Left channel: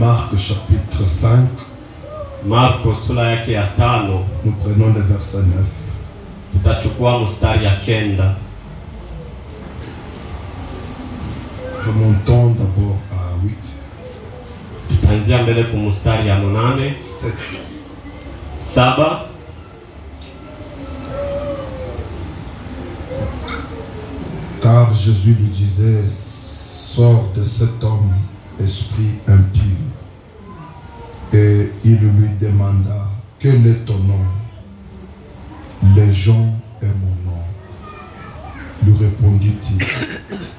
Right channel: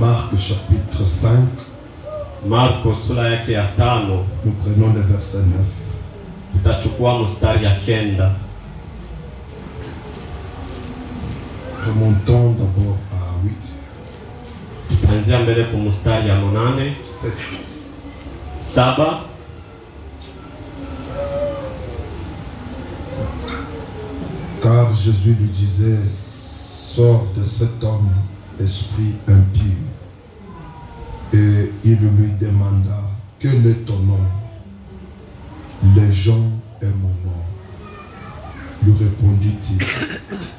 Marc chapitre 5. Marko sura yake ya 5. Nous prenons le verset 9. Tutachukua mstari ya 9. Remontons d'abord à 8. Tutaanzia mbele kwa mstari ya 8. 7. Car Jésus lui disait, sors de cet homme, esprit impur. Et il lui demanda, quel est ton nom? Légion est mon nom. Lui répondit-il,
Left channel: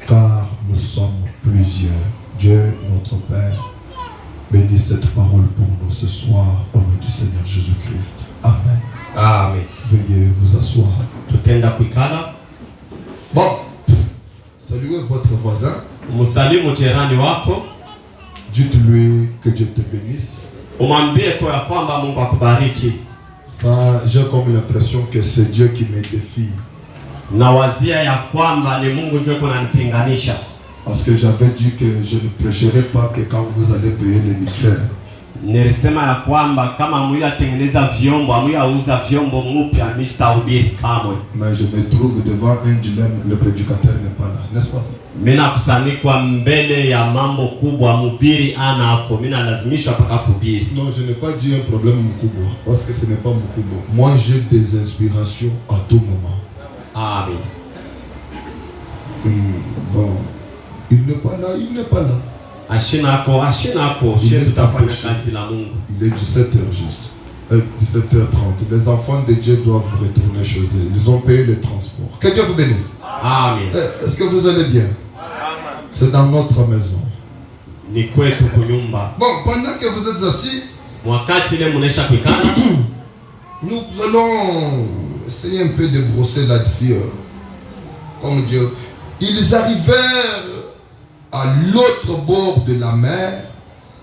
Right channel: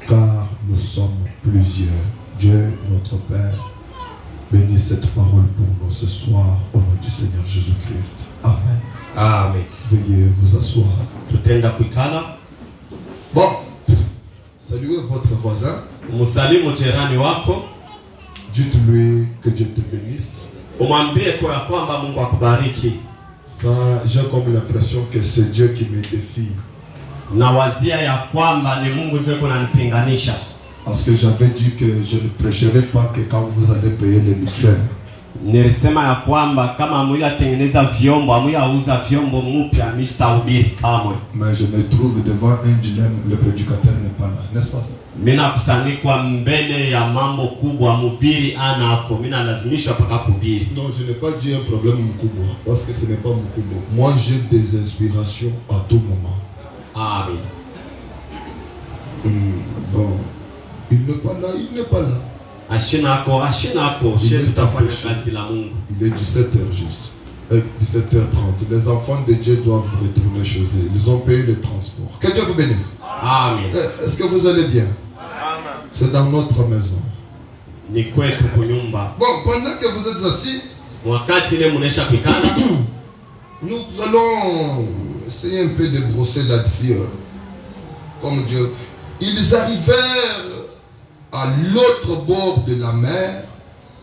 car nous sommes plusieurs. Dieu, notre Père, bénis cette parole pour nous ce soir au nom du Seigneur Jésus-Christ. Amen. Amen. Veuillez vous asseoir. Tutenda kuikala. Bon, saluez votre voisin. Musalimu jirani wako. Dites-lui que Dieu te bénisse. Umwambie kwa kwamba Mungu akubariki. Ça, j'ai comme l'impression que c'est Dieu qui me défie. Na wazia ya kwamba ni Mungu ndiye kunanipinganisha. Parce que j'avais dit que je ne prêcherai pas que quand vous allez payer les mixeurs. Nilisema ya kwamba kama amuyatengeneza vyombo, amuyauza vyombo mpya msitahubiri kamwe. Mais je me trouve devant un dilemme, le prédicateur n'est pas là, n'est-ce pas ça? Mina kusanyikwa mbele ya mambo kubwa, mhubiri ana hapo, mina lazimishwa mpaka kuhubiri. Non, je n'ai pas dit un problème mkubwa, parce que ce n'est pas mkubwa. Moi j'ai des inspirations à tout moment. Amen. Bon, il n'est pas là, il n'est pas là. Ashinako, Il tutafanya kazi la Mungu. Il est 17h juste. 17h30. Les enfants de Dieu doivent retourner chez eux. Ils ont payé le transport. Que Dieu vous bénisse. Amen. Est-ce que vous allez bien? C'est dans notre maison. Ni kwetu kunyumba. Bon, pendant que vous êtes assis, wakati ile mnesha kuikana, nous allons essayer un peu de brosser là-dessus. Comme Dieu. Ils arrivèrent à l'autre bord de la mer,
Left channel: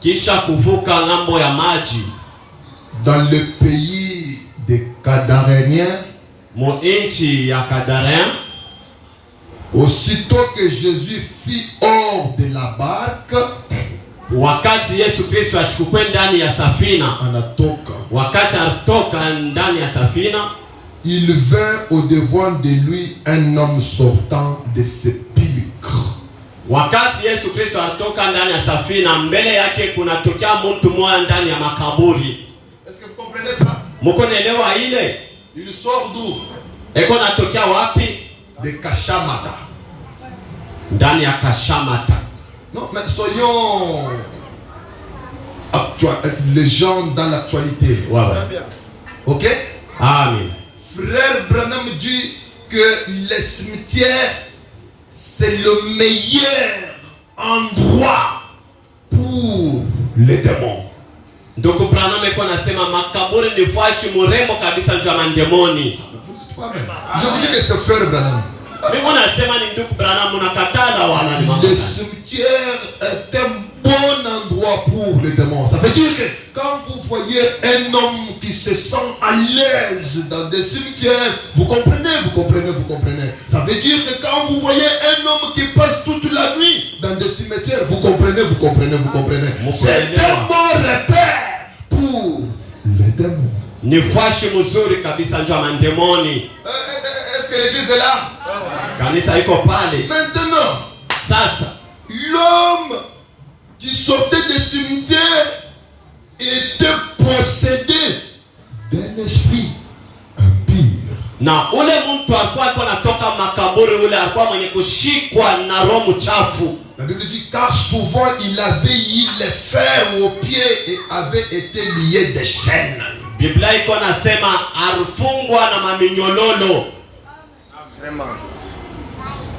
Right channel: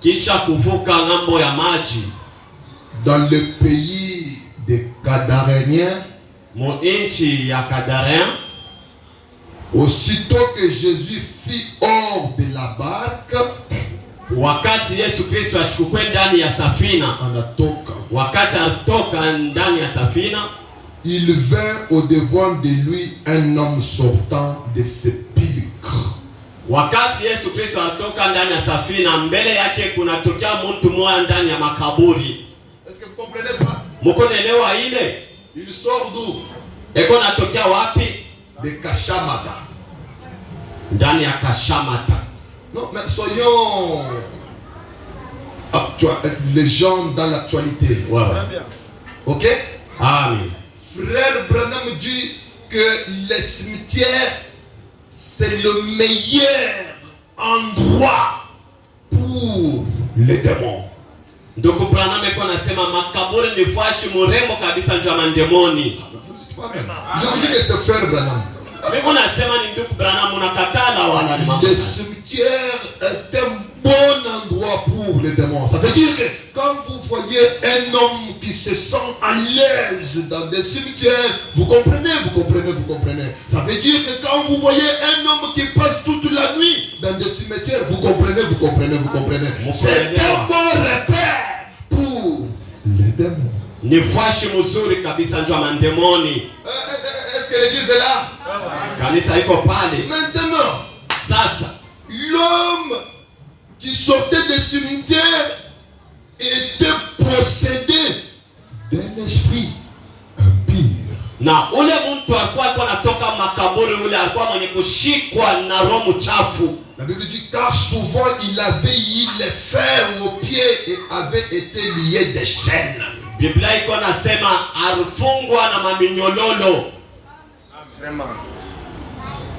kisha kuvuka ngambo ya maji, dans le pays des Gadaréniens, mu nchi ya Gadaréen. Aussitôt que Jésus fit hors de la barque, wakati Yesu Kristo ashukue ndani ya safina, anatoka, wakati anatoka ndani ya safina, il vint au devant de lui un homme sortant de sépulcre. Wakati Yesu Kristo anatoka ndani ya safina, mbele yake kunatokea mtu mmoja ndani ya makaburi. Est-ce que vous comprenez ça? Mko naelewa ile? Il sort d'où? Eko natokea wapi? De Kashamata. Ndani ya Kashamata. Non, mais soyons les gens dans l'actualité. Wow. Ok? Amen. Frère Branham dit que les cimetières, c'est le meilleur endroit pour les démons. Ndugu Branham eko nasema makaburi ni fashi murembo kabisa njoo mandemoni. Je vous dis que c'est frère Branham. Mimi nasema ni ndugu Branham unakatala wala ni mama. Le cimetière est un bon endroit pour les démons. Ça veut dire que quand vous voyez un homme qui se sent à l'aise dans des cimetières, vous comprenez. Ça veut dire que quand vous voyez un homme qui passe toute la nuit dans des cimetières, vous comprenez. C'est un bon repère pour les démons. Ni fashi mzuri kabisa njoo mandemoni. Est-ce que l'église est là? Kanisa iko pale. Maintenant, Sasa l'homme qui sortait des cimetières était possédé d'un esprit impur. na ule mtu alikuwa anatoka makaburi, ule alikuwa mwenye kushikwa na roho mchafu. La Bible dit car souvent il avait eu les fers aux pieds et avait été lié des chaînes. Biblia iko nasema alifungwa na maminyololo.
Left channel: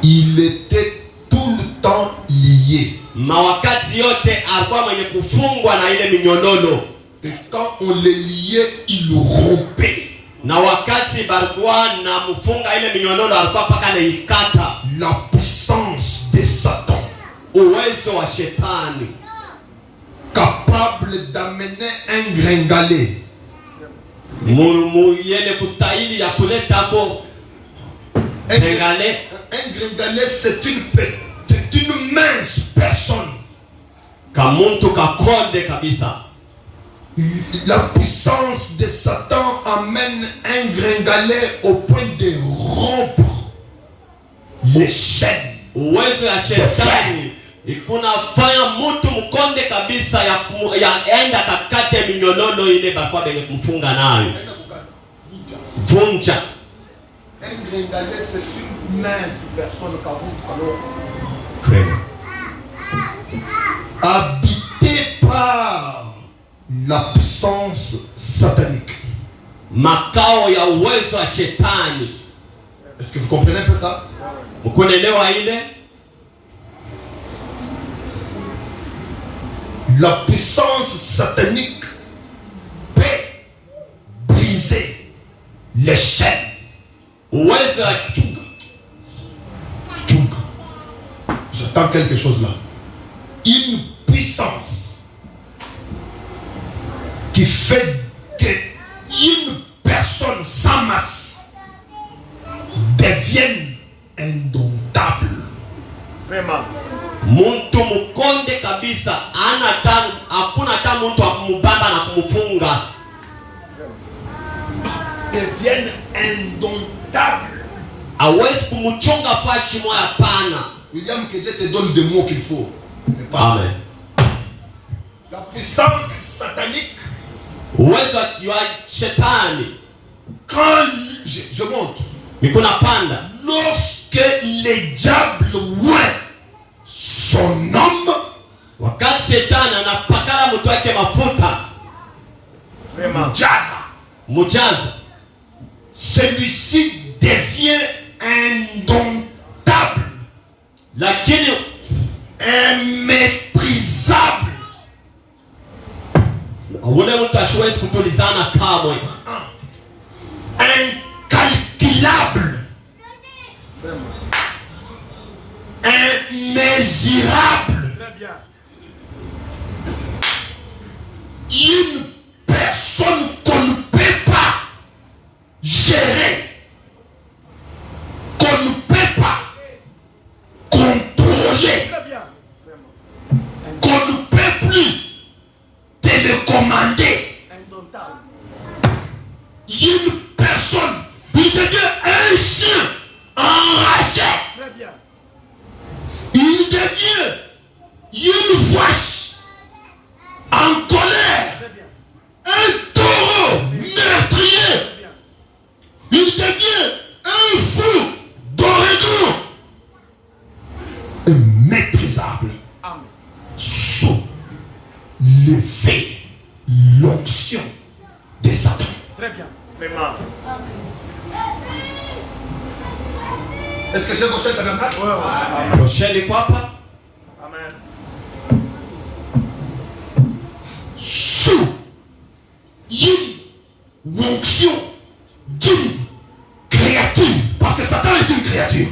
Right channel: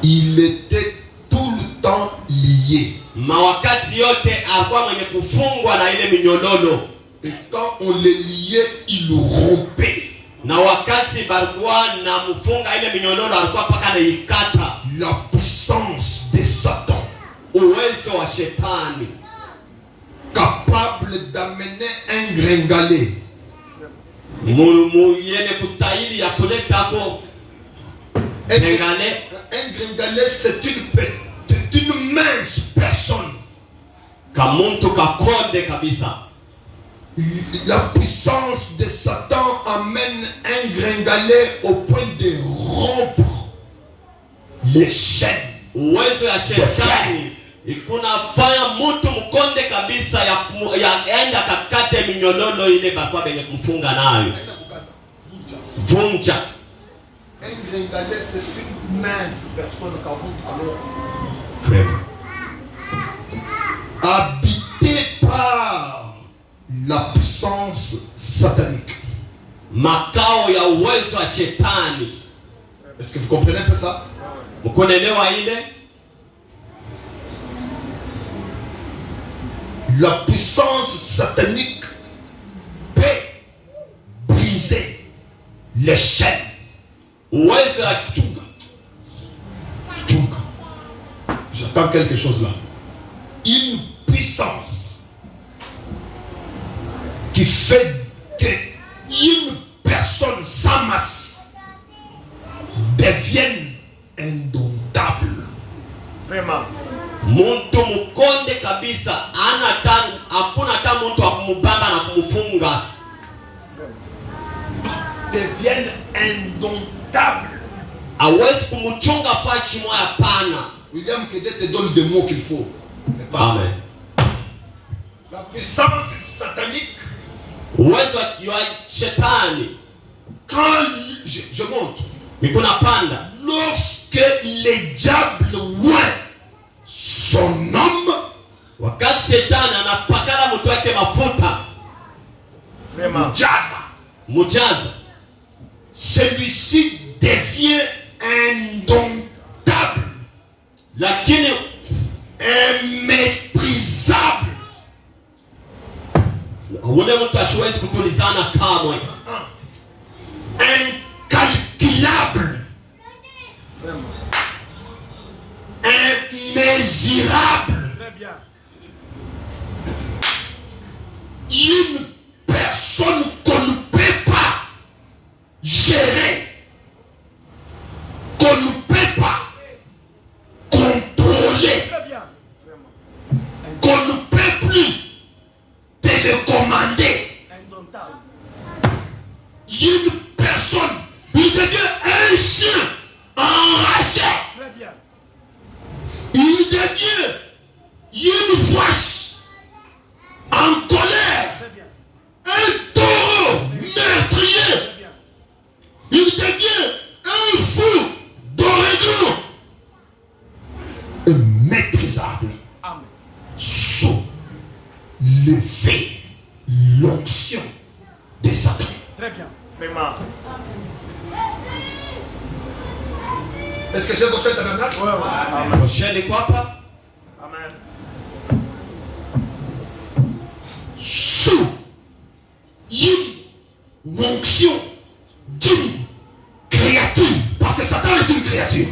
Il était tout le temps lié. Mawakati yote alikuwa mwenye kufungwa na ile minyololo. Et quand on les liait, il rompait. Na wakati balikuwa na mfunga ile minyololo alikuwa paka na ikata. La puissance de Satan, Uwezo wa shetani capable d'amener un gringalet. Yene kustahili ya kuleta ko gringalet. Un gringalet, c'est une mince personne kamuntu kakonde kabisa. La puissance de Satan amène un gringalet au point de rompre les chaînes. Uwezo ya shetani ikunafanya mtu mkonde kabisa ya enda kakate minyololo ile bakwa benye kumfunga nayo. Vunja. Un gringalet, c'est une mince personne qui alors habité par la puissance satanique. Makao ya uwezo wa shetani. Est-ce que vous comprenez un peu ça? Mkuelewa ile? La puissance satanique peut briser les chaînes. Uwezo wa Tchunga. J'attends quelque chose là. Une puissance qui fait qu'une personne sans masse devienne indomptable. Vraiment. Muntu mkonde kabisa hakuna hata mtu akumubamba na kumfunga. Devienne indomptable. Hawezi kumchonga fashi moja pana. William Kédé te donne des mots qu'il faut. Amen. La puissance satanique. Uwezo wa shetani. Quand je monte. Nikuna panda. Lorsque le diable oint son homme, wakati shetani anapakala mtu wake mafuta, Vraiment. mujaza, celui-ci devient indomptable, lakini immaîtrisable, ule mtu asiwezi kutulizana kamwe, incalculable, immesurable. Très bien. Une personne qu'on ne peut pas gérer, qu'on ne peut pas contrôler, Très bien. qu'on ne peut plus télécommander. Indomptable. Une personne, il devient un chien enragé. Très bien. Il devient une vache en colère. Très bien. Un taureau meurtrier. Très bien. Il devient un fou d'origine. Maîtrisable. Amen. Sous l'effet, l'onction des Satan. Très bien. Vraiment. Est-ce que j'ai gauché le tabernacle? Ouais, ouais. Amen. prochaine kwa hapa. Amen. Sous une onction d'une créature. Parce que Satan est une créature.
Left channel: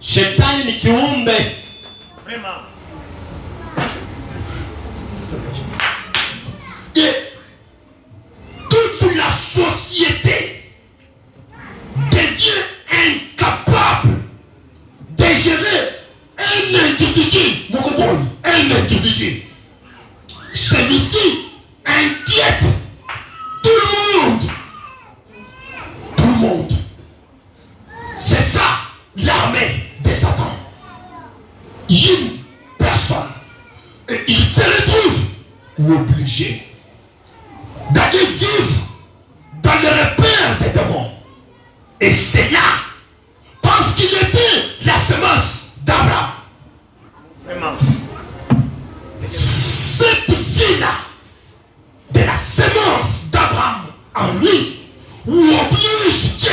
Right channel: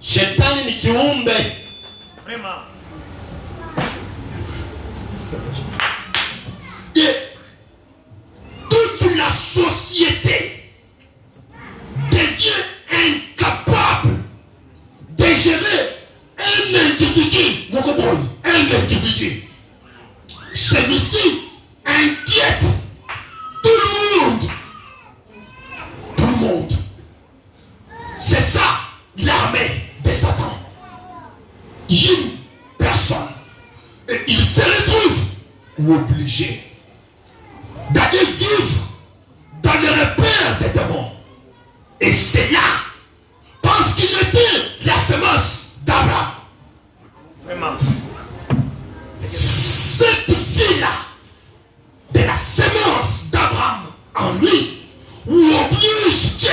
Shetani ni kiumbe. Vraiment. Et toute la société devient incapable de gérer un individu. Un individu. Celui-ci inquiète tout le monde. Tout le monde. C'est ça l'armée de Satan. Une personne. Et il se retrouve obligé d'aller vivre dans le repère des démons. Et c'est là, parce qu'il était la semence d'Abraham. Vraiment. Cette vie-là, de la semence d'Abraham en lui, oblige Dieu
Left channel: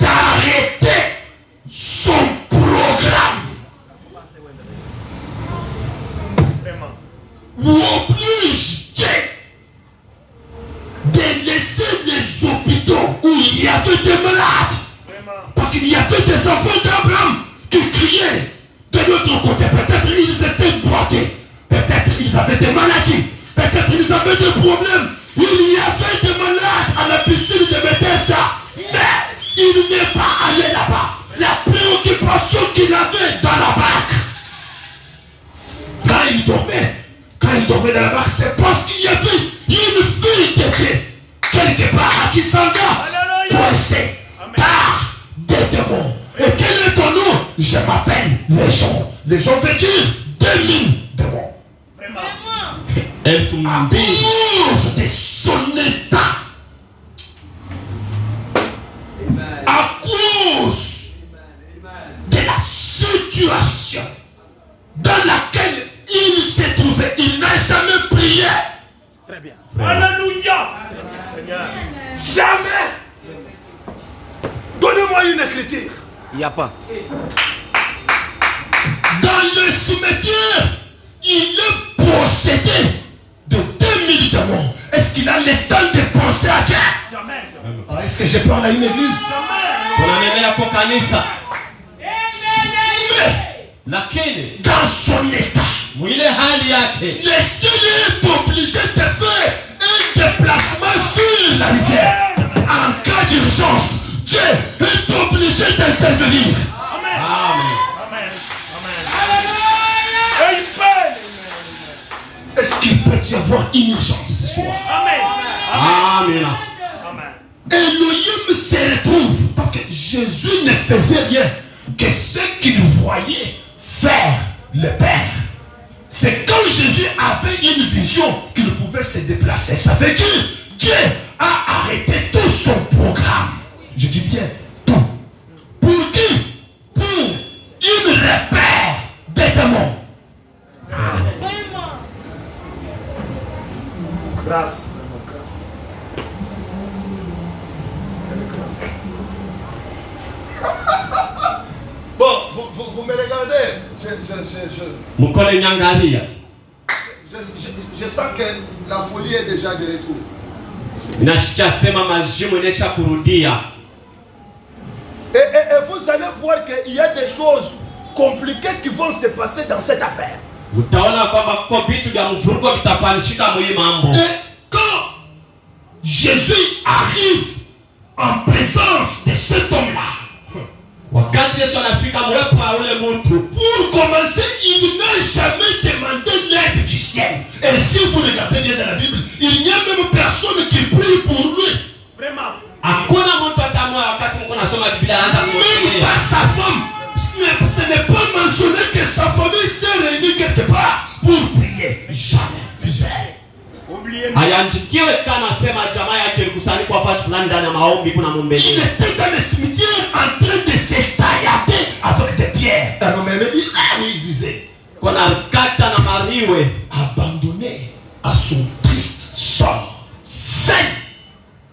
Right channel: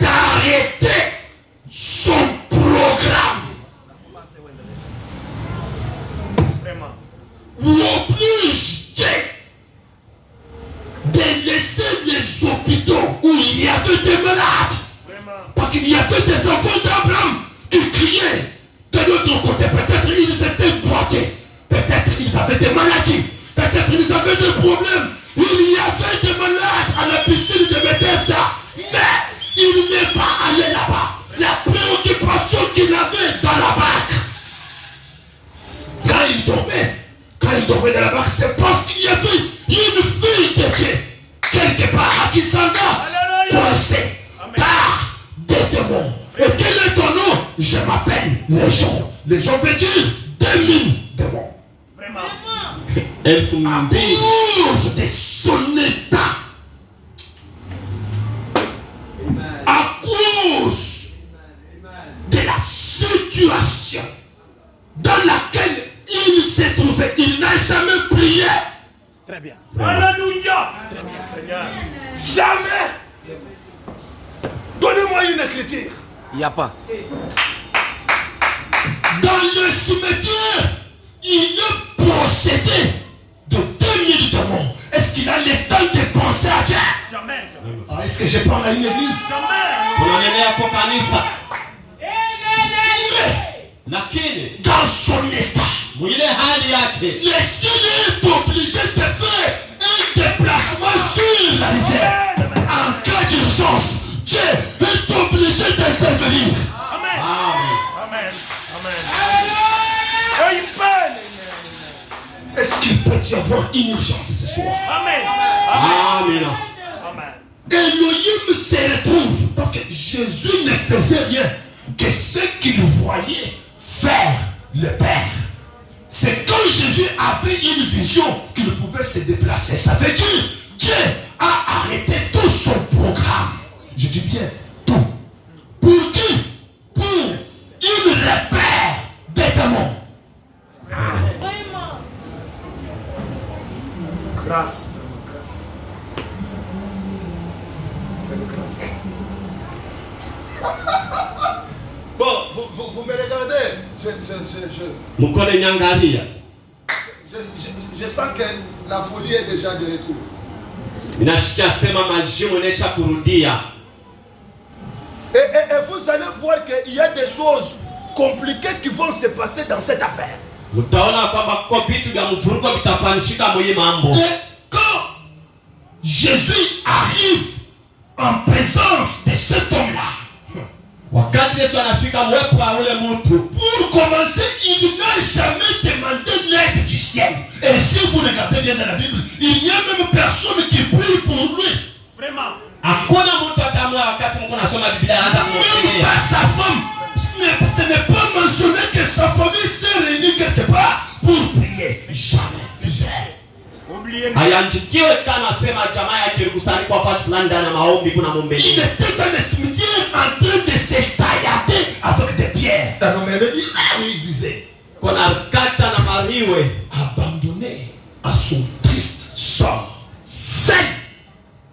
d'arrêter son programme. Vraiment. Oblige Dieu de laisser les hôpitaux où il y avait des malades. Vraiment. Parce qu'il y avait des enfants d'Abraham qui criaient de l'autre côté. Peut-être ils étaient boités. Peut-être ils avaient des maladies. Peut-être ils avaient des problèmes. Il y avait des malades à la piscine de Bethesda. Mais il n'est pas allé là-bas. La préoccupation qu'il avait dans la barque, tombé dans la barque, c'est parce qu'il y avait une fille de Dieu, quelque part, à Kisanga, coincée par des démons. Et quel est ton nom? Je m'appelle Légion. Légion veut dire 2000 démons. Vraiment. À cause de son état, à cause de la situation dans laquelle il s'est trouvé, il n'a jamais prié. Très bien. Alléluia. Merci Seigneur. Jamais. Donnez-moi une écriture. Il n'y a pas. Dans le cimetière, il est possédé de 2000 démons. Est-ce qu'il a le temps de penser à Dieu? Jamais. Ah, est-ce que je parle à une église? Lakini Dans son état, mwile hali yake le Seigneur est obligé de faire un déplacement sur la rivière. En cas d'urgence, Dieu est obligé d'intervenir. Amen. Amen. Amen. Amen. Et il peut. Est-ce qu'il peut y avoir une urgence ce soir? Amen. Amen. Amen. Elohim se retrouve parce que Jésus ne faisait rien que ce qu'il voyait faire le Père. C'est quand Jésus avait une vision qu'il pouvait se déplacer. Ça veut dire Dieu a arrêté tout son programme. Je dis bien tout. Pour qui? Pour une repère des démons. Grâce. Bon, vous me regardez. Mukole nyangalia. Je sens que la folie est déjà de retour. Nashikia sema majimu inesha kurudia. Et vous allez voir qu'il y a des choses compliquées qui vont se passer dans cette affaire. Utaona kwamba kwa vitu vya mvurugo vitafanyika mwenye mambo. Et quand Jésus arrive en présence de cet homme-là, Wakati Yesu anafika mwepo wa ule mtu, pour commencer, il n'a jamais demandé l'aide du ciel. Et si vous regardez bien dans la Bible, il n'y a même personne qui prie pour lui. Vraiment. hakuna mtu atamwa wakati Mungu anasoma Biblia anaanza Même kumwambia. pas sa femme. Ce n'est pas mentionné que sa famille s'est réunie quelque part pour prier. Jamais. Misère. Oubliez. Hayanjikiwe kana sema jamaa yake ilikusanyika kwa fashi fulani ndani ya maombi kuna Il mumbeni. était dans le cimetière en train de se taillader avec des pierres. Un homme me dit ça, oui, il disait. Kuna kata na mariwe Abandonné à son triste sort, seul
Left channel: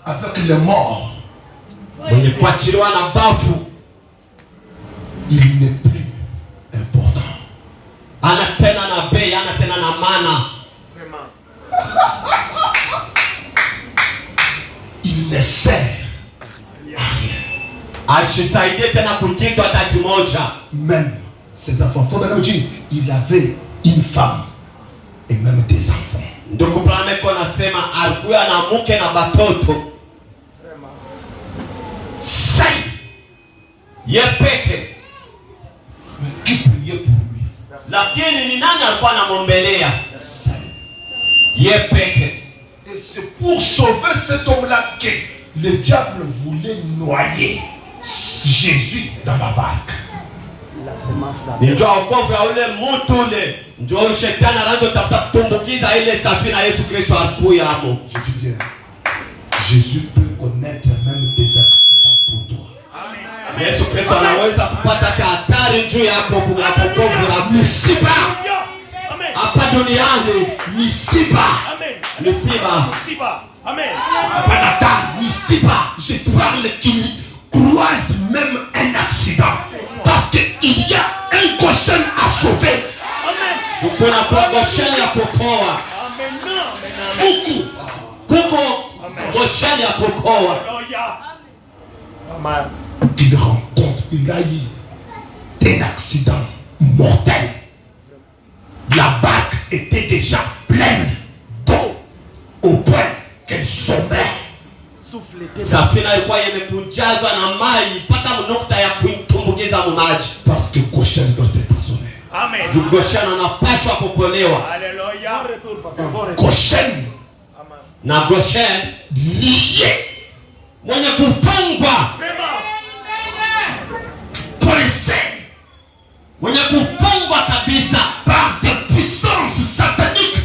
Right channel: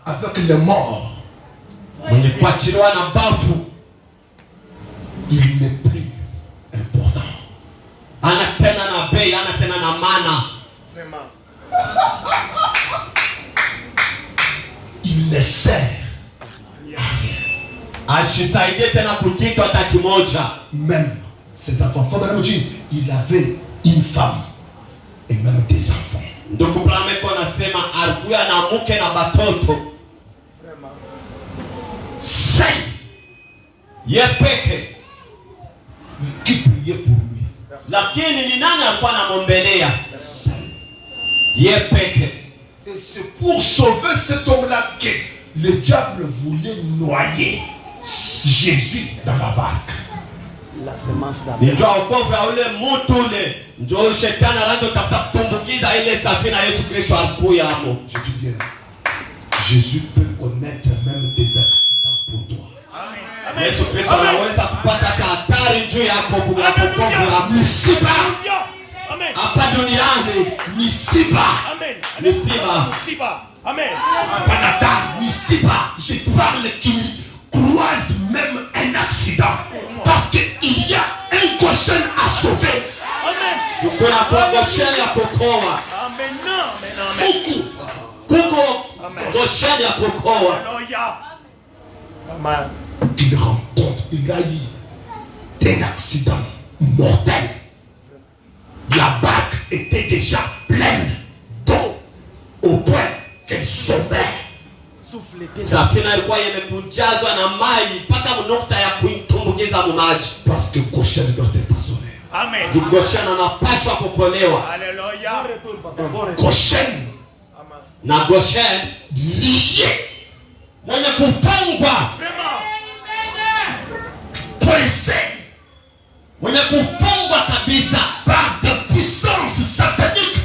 avec les morts, mwenye kuachiliwa na bafu il n'est plus important. ana tena na bei, ana tena na mana. Vraiment. Il ne sert Ashisaidie tena kukitu hata kimoja. même ses enfants. Faut maintenant dire, il avait une femme et même des enfants. Ndugu Brameko nasema alikuwa na mke na batoto. Vraiment. Seul. Yepeke. Mais qui priait pour lui? Lakini ni nani alikuwa anamwombelea? Seul. Yepeke. Et c'est pour sauver cet homme-là que le diable voulait noyer Jésus dans la barque. La semence d'Afrique. Ndio wokovu ya ule mtu ule. Ndio shetani anazotafuta kutumbukiza ile safina Yesu Kristo alikuya hapo. Je dis bien, Jésus peut connaître même des accidents pour toi. Yesu Kristo anaweza kupata hatari juu yako kwa wokovu hapo. Misiba, Amen. Hapa duniani Misiba, Amen. misiba. Misiba. Amen. Panata, Misiba, je parle qu'il croise même un accident. Parce qu'il y a un cochon à sauver. Amen. Kuna gosheni ya kukoa. Amen. Amen. Beaucoup. Kuko gosheni ya kukoa. Alléluia. Amen. Il rencontre, il a eu un accident mortel. La barque était déjà pleine d'eau au point qu'elle sauvait. Soufflez. Safina ilikuwa imekujazwa na maji mpaka nukta ya kuitumbukiza mu maji. Parce que le cochon doit être sauvé. Amen. Goshen anapaswa kukolewa. Alléluia. Goshen. Na Goshen Lié. mwenye kufungwa. Vraiment. Pressé. Mwenye kufungwa kabisa. Par des puissances sataniques.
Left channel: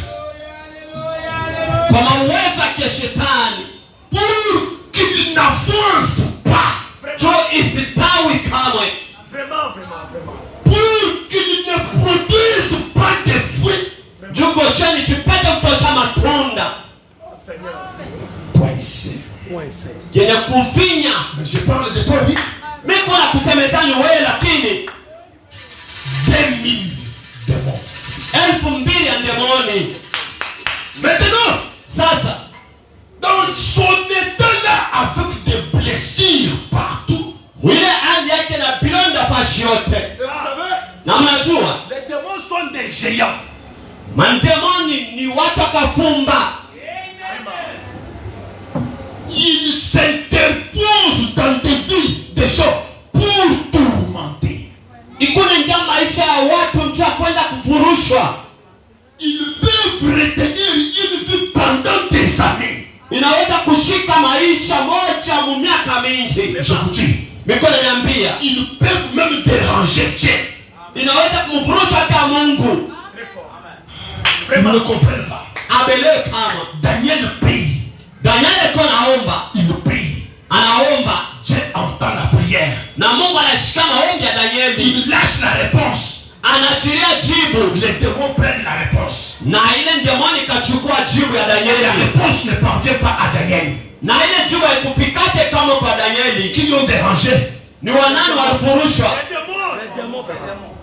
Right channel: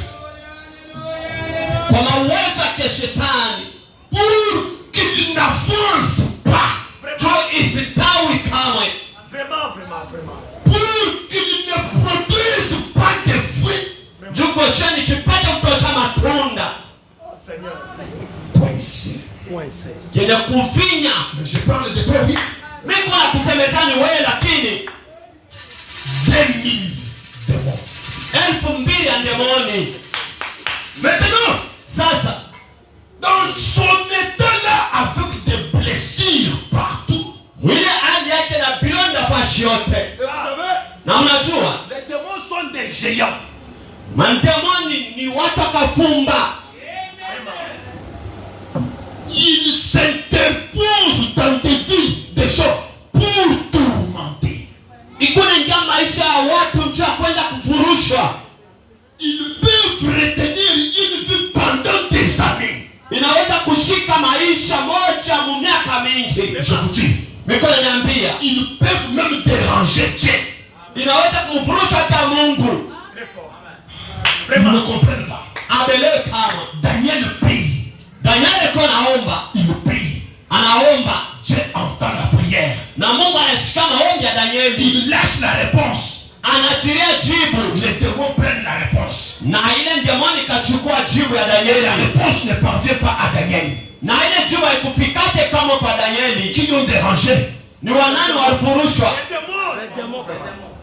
Kwa mawezo ya kishetani. Pour qu'il n'avance pas. Jo isitawi kamwe. Vraiment, vraiment, vraiment. Pour qu'il ne produise pas de fruits. Jo Goshen isipate kutosha matunda. Oh Seigneur. Pressé. Yenye kufinya. Mais je parle de toi, oui. Mimi kuna kusemezani wewe lakini 2000 démons. 2000 ya demoni. Maintenant, Sasa dans son état là, avec des blessures partout, mwile hali yake na bilonda fashi yote. Et vous savez, Na mnajua les démons sont des géants. mandemoni ni watu wakafumba. ils s'interposent dans des vies des gens pour tourmenter. Ikuni ndio maisha ya watu mcha kwenda kufurushwa. Ils peuvent retenir une vie pendant des années. Inaweza kushika maisha moja mu miaka mingi. Je vous dis, Mikono niambia, ils peuvent même déranger Dieu. inaweza kumfurusha hata Mungu. Très fort. Ils ne comprennent pas. Abele kama Daniel prie. Daniel kwa naomba, Il prie. anaomba Dieu entend la prière. na Mungu anashika maombi ya Danieli. Il lâche la réponse. Anachilia jibu Les démons prennent la réponse. na ile demoni kachukua jibu ya Et la Danieli. réponse ne parvient pas à Daniel. Na ile jibu haikufikate kama kwa Danieli. Qui ont dérangé? Ni wanani walifurushwa? Les démons. Les démons.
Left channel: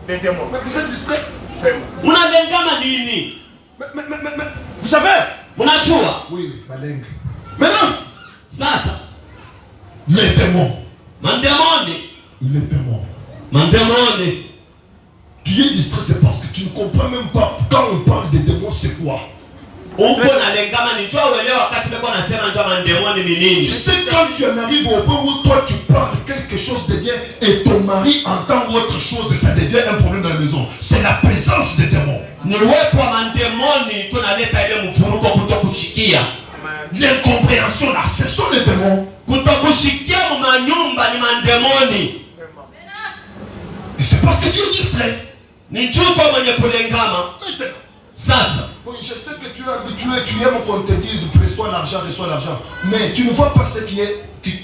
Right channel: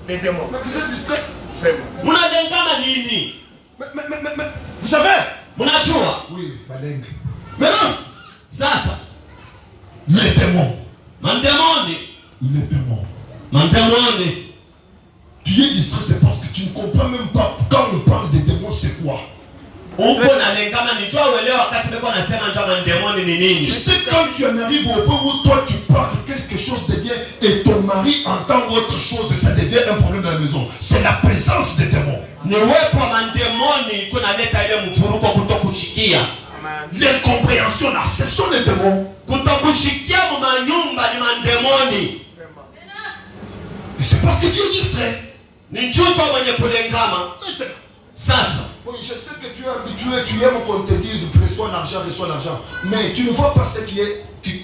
Les démons. Mais vous êtes distrait. Vraiment. Mnalengama nini? Mais, vous savez? Mnajua? Oui, ma langue. Maintenant, Sasa les démons. mandemoni, Les démons. mandemoni. Tu es distrait, c'est parce que tu ne comprends même pas quand on parle des démons, c'est quoi? Uko nalengama ni jua uelewe wakati nilikuwa nasema njoo mandemoni ni Tu nini? sais, quand tu en arrives au point où toi tu parles quelque chose de bien et ton mari entend autre chose et ça devient un problème dans la maison, c'est la présence des démons. Ni uwepo wa mandemoni kunaleta ile mfuruko kutokushikia. L'incompréhension là, ce sont les démons. Kutokushikia manyumba ni mandemoni. Et c'est parce que tu es distrait. Ni chuko mwenye kulengama. Maintenant, Sasa oui, je sais que tu es habitué, tu aimes qu'on te dise reçois l'argent, mais tu ne vois pas ce qui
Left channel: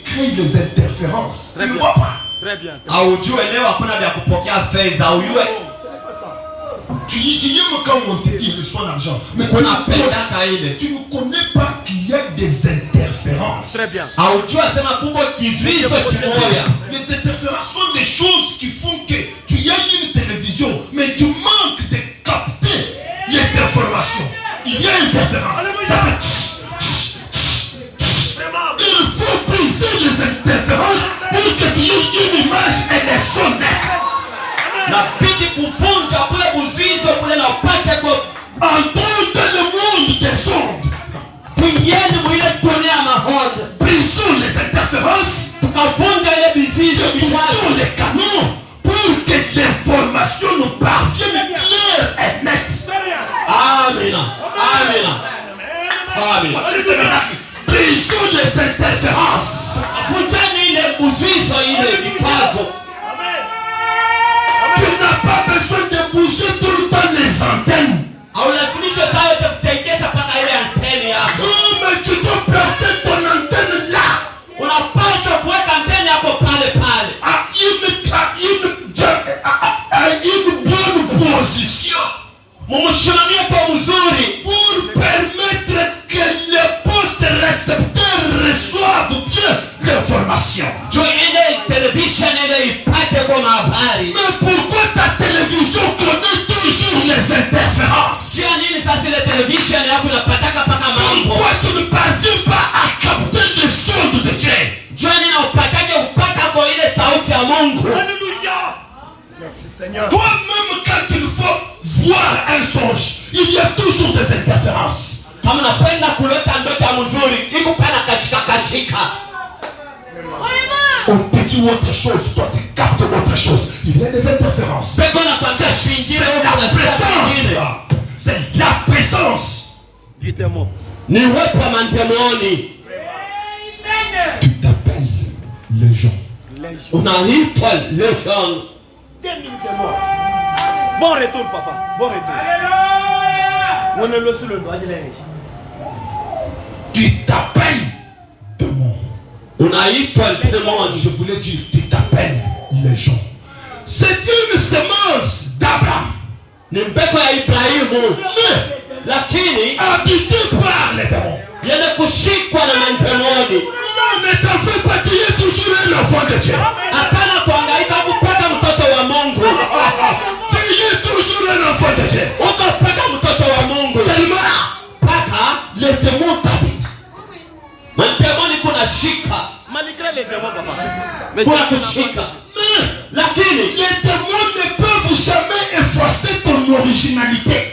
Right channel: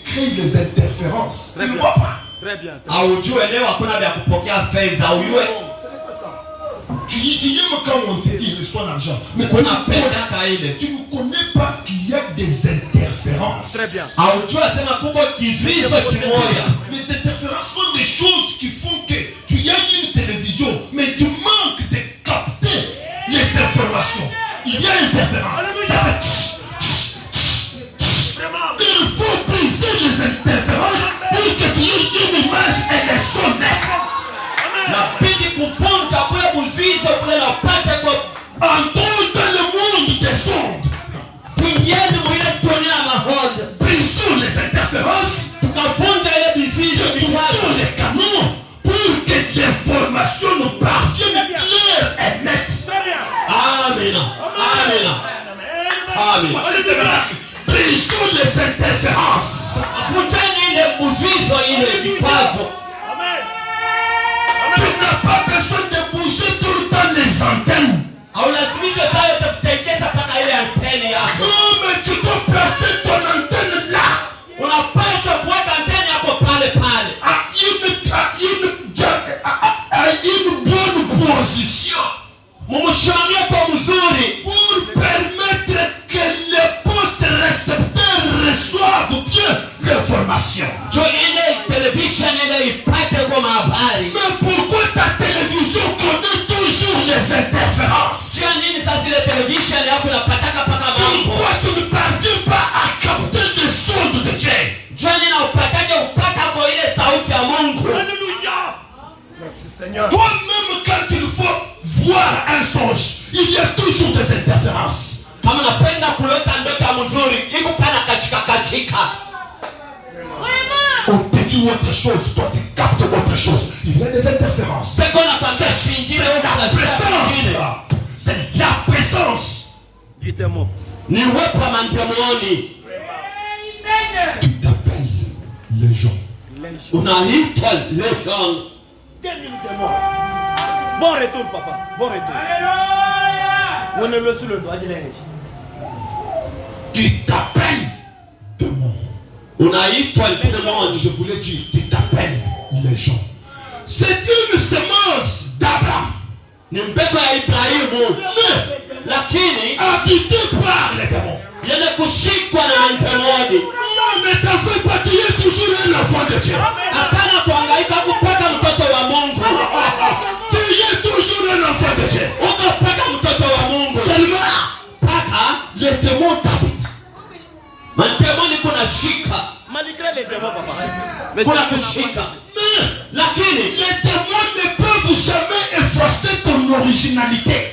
crée les interférences. Tu ne vois pas. Très bien. aujue leo hakuna vya kupokea fedha ujue. Tu aimes quand on te dit reçois l'argent, mais Unapenda ile. tu ne connais pas qu'il y a des interférences. Très bien. Aujue sema kuko kizuizo kimoya. Les interférences sont des choses qui font que tu as une télévision, mais tu manques de capter les informations. Il y a une interférence. Ça fait Vraiment. il faut briser les interférences pour que tu aies une image et des sons nets. Nabidi kuvunja kule buzuizo kule na upate kwa Entrons dans le monde des ondes. kuingieni mwile dunia ya mahonde. Brisons les interférences. Tukavunja ile bizuizo Brisons vikwazo. les canaux pour que l'information nous parvienne claire et nette. Très bien. Amina. Amina. Amina. Brisons les interférences. Vunjeni ile buzuizo ile vikwazo. Amen. Tu n'as pas besoin de bouger tout le temps les antennes. Haulazimishwe saa yote kutekesha mpaka ile anteni yako. Non, mais tu dois placer ton antenne là. Unapaswa kuweka anteni yako pale pale. À une bonne position. Mumshimamie kwa mzuri Pour permettre que les postes récepteurs reçoivent bien l'information. juu ile television ile ipate kwa habari. Mais pourquoi ta télévision connaît toujours les interférences? Sio nini sasa ile television yako inapataka paka mambo. Pourquoi tu ne parviens pas à capter les sons de Dieu? Juu nini upatake upata kwa ile sauti ya Mungu. Alléluia. Merci Seigneur. Toi-même, quand il faut voir un songe, il y a toujours des interférences. Kama unapenda kuleta ndoto ya mzuri, iko pana katika. On te dit autre chose, toi tu captes autre chose. Il y a des interférences. C'est la présence du démon. Ni uwepo wa mandemoni. Tu t'appelles légion. Unaitwa légion. 2 minutes de mort. Bon retour, papa. Bon retour. On est le sous le doigt de l'âge. Tu t'appelles démon. Unaitwa démon. Je voulais dire, tu t'appelles légion. C'est une semence d'Abraham. Ni mbegu ya Ibrahimu. Lakini habité par les démons. yenye kushikwa na mandemoni. Ne t'en fais pas, tu es toujours un enfant de Dieu. Hapana kuhangaika kupata mtoto wa Mungu. Tu es toujours un enfant de Dieu. Uko paka mtoto wa Mungu. Seulement, Paka les démons t'habitent. mandemoni kuna shika. Malgré les démons, papa. Kuna kushika. Mais Lakini les démons ne peuvent jamais effacer ton originalité.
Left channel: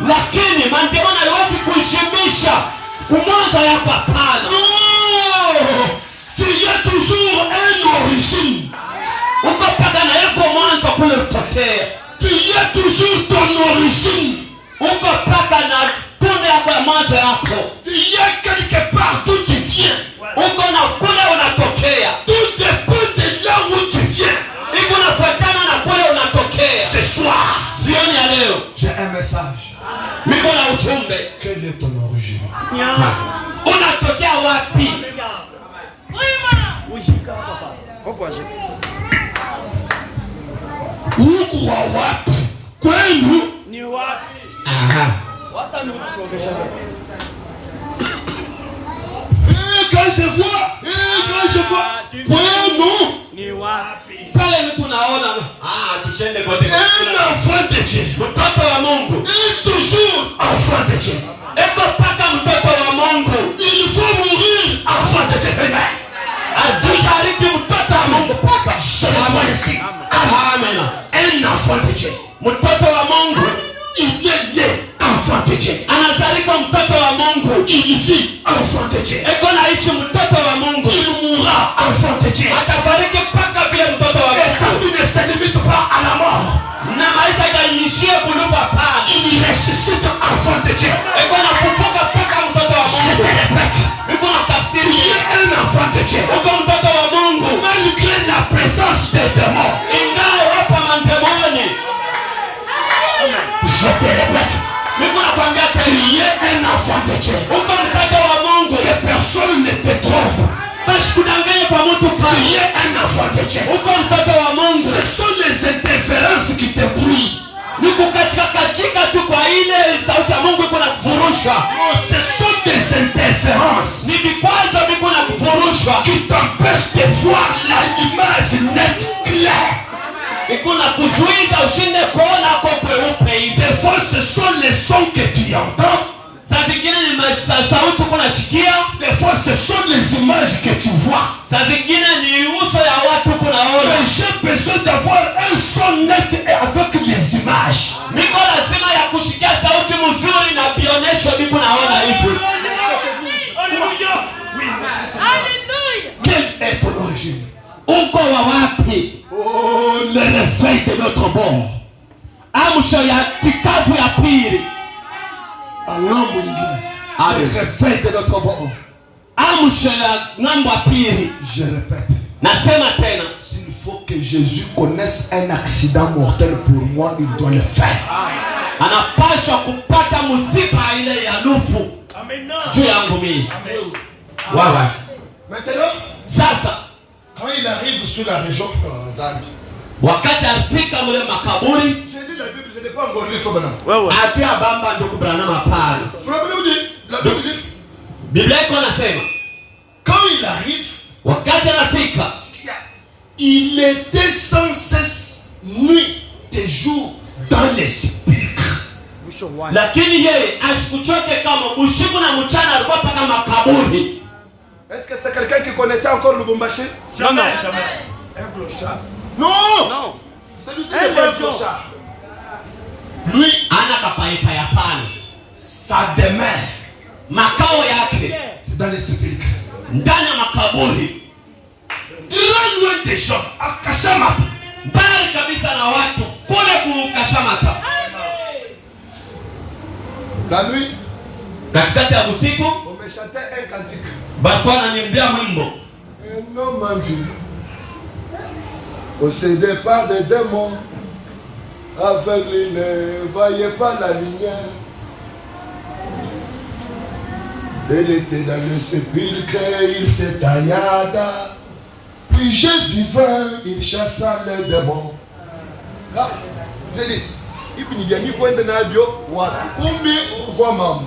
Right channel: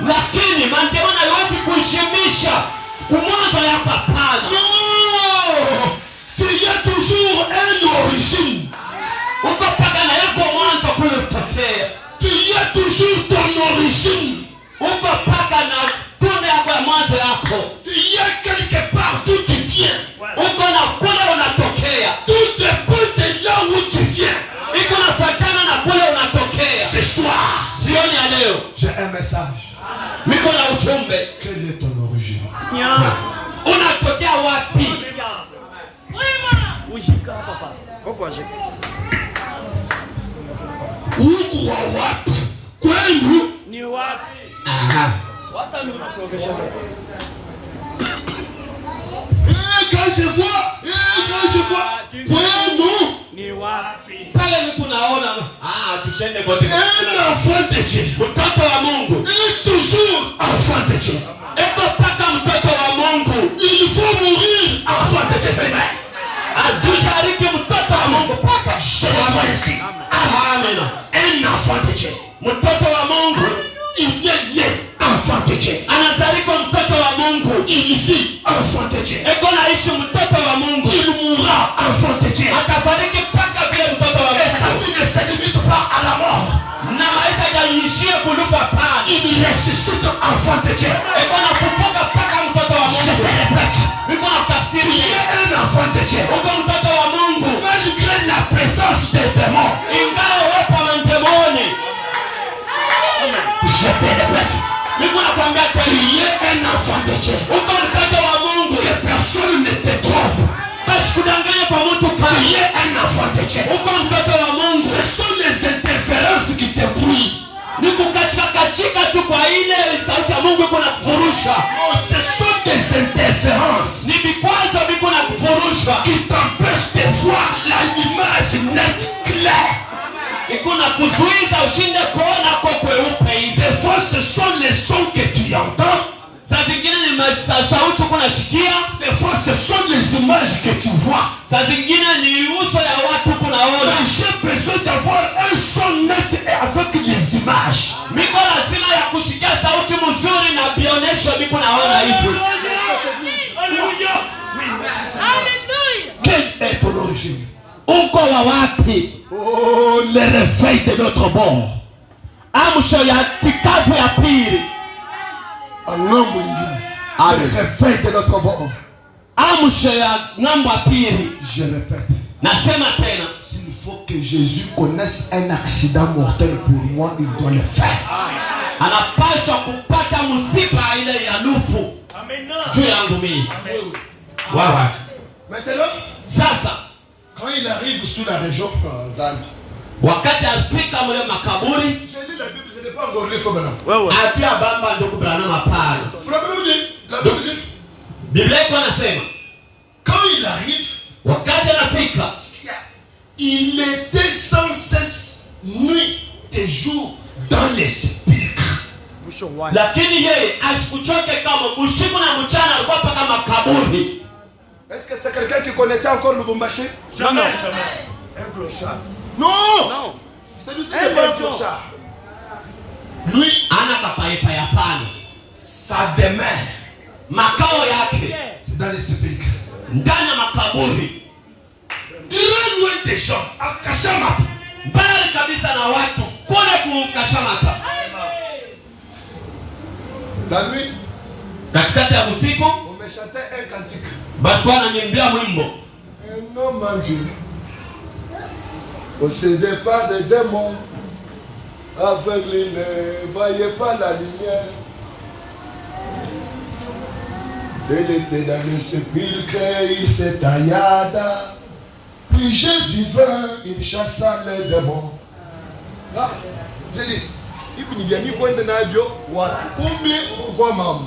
lakini mandemoni haiwezi kuishimisha kumwanza yako hapana. Non, tu es toujours un origine. Uko paka na yako mwanzo kule kutokea. Tu es toujours ton origine. Uko paka na tunda yako ya mwanzo yako. Tu es quelque part d'où tu viens. Uko na kule unatokea. Tout dépend de là où tu viens. Iko nafuatana na kule unatokea. Ce soir, Jioni ya leo j'ai un message. niko na ujumbe. Quelle est ton origine? Unatokea wapi? Ujika, papa. Pourquoi j'ai Huku wa wapi? Kwenu? ni wapi? Aha. Wata ni professionnel. Quand je vois, kwenu? Ni wapi? Pale niko naona tushende kote. Un enfant de Dieu. Mtoto wa Mungu. Et toujours enfant de Dieu. Eko paka mtoto wa Mungu. Il faut mourir enfant de Dieu. Atutariki mtoto wa Mungu paka. Seulement ici. Amen. Un enfant de Dieu. Mtoto wa Mungu. Il est né enfant de Dieu. Anazalika mtoto wa Mungu. Il vit enfant de Dieu. Eko naishi mtoto wa Mungu. Il mourra enfant de Dieu. Atafariki paka vile mtoto wa Et sa Mungu. vie ne se limite pas à la mort. Na maisha yaishie kunufa pana. Il ressuscite enfant de Dieu. Eko nafufuka paka mtoto wa Je Mungu. te répète. Eko na Tu tafsiri. es un enfant de Dieu. Uko mtoto wa Mungu. Malgré la présence des démons. Ingawa wapo mandemoni. Je te répète. Niko nakwambia Tu tena. es un enfant de Dieu. Uko mtoto wa Mungu. Que personne ne te trompe. Basi kudanganya kwa mtu Tu kani. es un enfant de Dieu. Uko mtoto wa Mungu. Ce sont les interférences qui te brouillent. Ni kukachika tu kwa ile sauti ya Mungu iko na kufurusha. Non, ce sont des interférences Ni vikwazo viko na kufurusha. qui t'empêchent de voir l'image nette, claire. Iko na kuzuiza ushinde kuona kwa kweupe hivi. Des fois, ce sont les sons que tu entends. Saa zingine ni sauti uko nasikia. Des fois, ce sont les images que tu vois. Saa zingine ni uso ya watu kunaona. Mais j'ai besoin d'avoir un son net et avec les images. Niko lazima ya kushikia sauti mzuri na bionesho niko naona hivi. Alléluia. Oui, merci Seigneur. Quelle est ton origine? Uko wa wapi? Oh, le réveil de notre bord. Amsho ya kikavu ya pili. Le réveil de notre bord. Amsho ya ng'ambo ya pili. Je répète. Nasema tena. S'il faut que Jésus connaisse un accident mortel pour moi, il doit le faire. Anapaswa kupata msiba ile ya nufu Amen. juu yangu mimi. Wawa. Maintenant, Sasa quand il arrive sur la région Zan, wakati afika mle makaburi, j'ai dit la Bible, je n'ai pas encore lu ça maintenant. Wewe. apia bamba ndugu Branham hapana. La Bible dit, Biblia iko nasema quand il arrive, wakati anafika il était sans cesse nuit et jour dans les sépulcres. lakini yeye asikuchoke kama usiku na mchana alikuwa paka makaburi. Est-ce que c'est quelqu'un qui connaissait encore Lubumbashi? Non, non. Un clochard. Non! Non. Celui-ci n'est pas un clochard. Lui, Ana kapaipa hapana. sa demeure, Makao yake c'est dans les sépulcres. ndani ya makaburi. Très loin des gens à Kashamata. Mbali kabisa na watu kule kukashamata. La nuit, Katikati ya usiku on me chantait un cantique. balikuwa wananiimbia mwimbo. Un homme en Dieu, possédé par des démons, aveugle, il ne voyait pas la lumière. Il était dans le sépulcre, il s'étaillada. Puis Jésus vint, il chassa les démons. Ah, j'ai dit, il n'y a ni point de nabio, kumbi kwa mamu.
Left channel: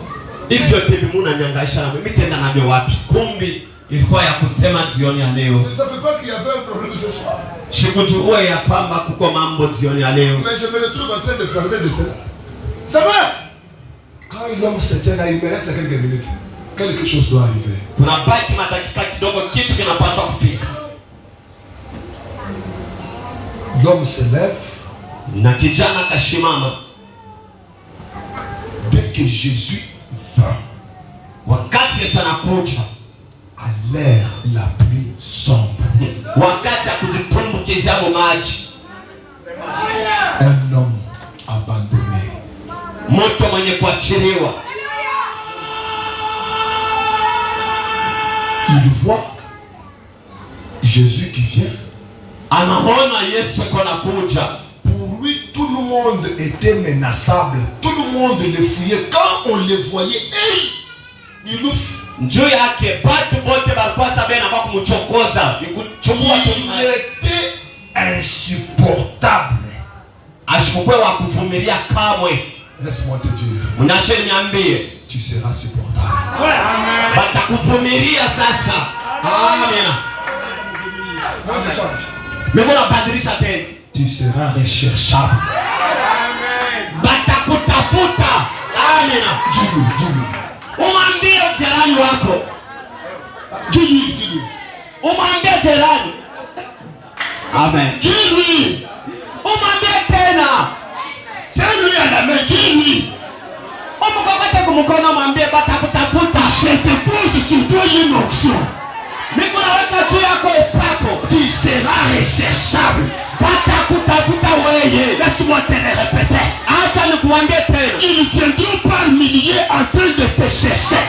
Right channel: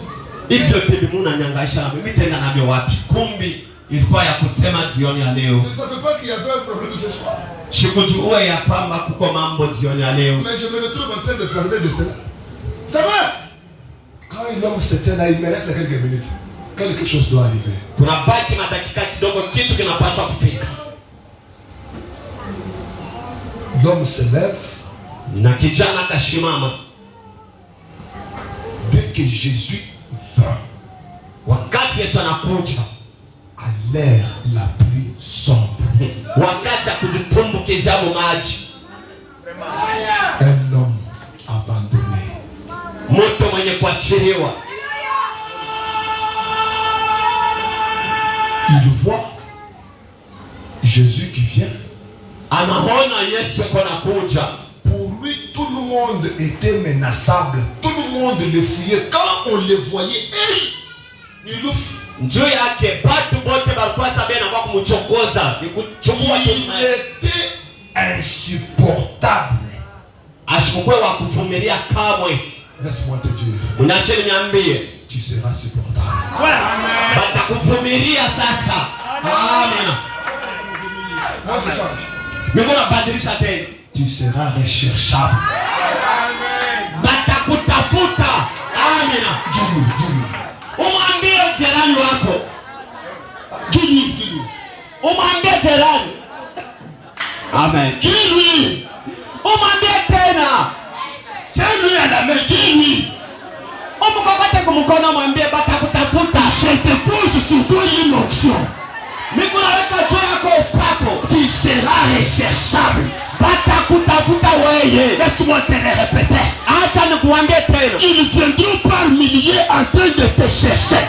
Hivyo muna nyangasha mimi tena navyo wapi? Kumbi ilikuwa ya kusema jioni ya leo. Ça ne fait pas qu'il y avait un problème ce soir. Sikujua ya kwamba kuko mambo jioni ya leo. Mais je me retrouve en train de parler de cela. Ça va? Quand l'homme se tient là, il me reste quelques minutes. Quelque chose doit arriver. Tunabaki madakika kidogo, kitu kinapaswa kufika. L'homme se lève. Na kijana kashimama. Dès que Jésus vint, Wakati Yesu anakuja, à l'air la pluie sombre, wakati ya kujitumbukiza maji, un homme abandonné, mtu mwenye kuachiliwa, il voit Jésus qui vient. anaona Yesu anakuja. Pour lui, tout le monde était menaçable. Tout le monde le fuyait. Quand on le voyait, il le fuyait. Njoo yake batu bote balikuwa sabe na kwa kumchokoza, ni kuchukua tu. Il était insupportable. Ashikukwe wa kuvumilia kamwe. Laisse-moi te dire, Unacheni niambie, tu seras supportable. batakuvumilia sasa. Amina. Moi je change. Mimi nabadilisha tena. Tu seras recherchable. Batakutafuta. Amina. Dis-lui. Umwambie jirani wako. Dis-lui. Umwambie jirani. Amen. Dis-lui. Umwambie tena. Tiens-lui à la main. Dis-lui. Umukakate kumkono, mwambie batakutafuta. Je te pose sur toi une onction. Mimi naweka juu yako upako. Tu seras recherchable. Batakutafuta wewe. Laisse-moi te le répéter. Acha nikuambie tena. Ils viendront par milliers en train de te chercher.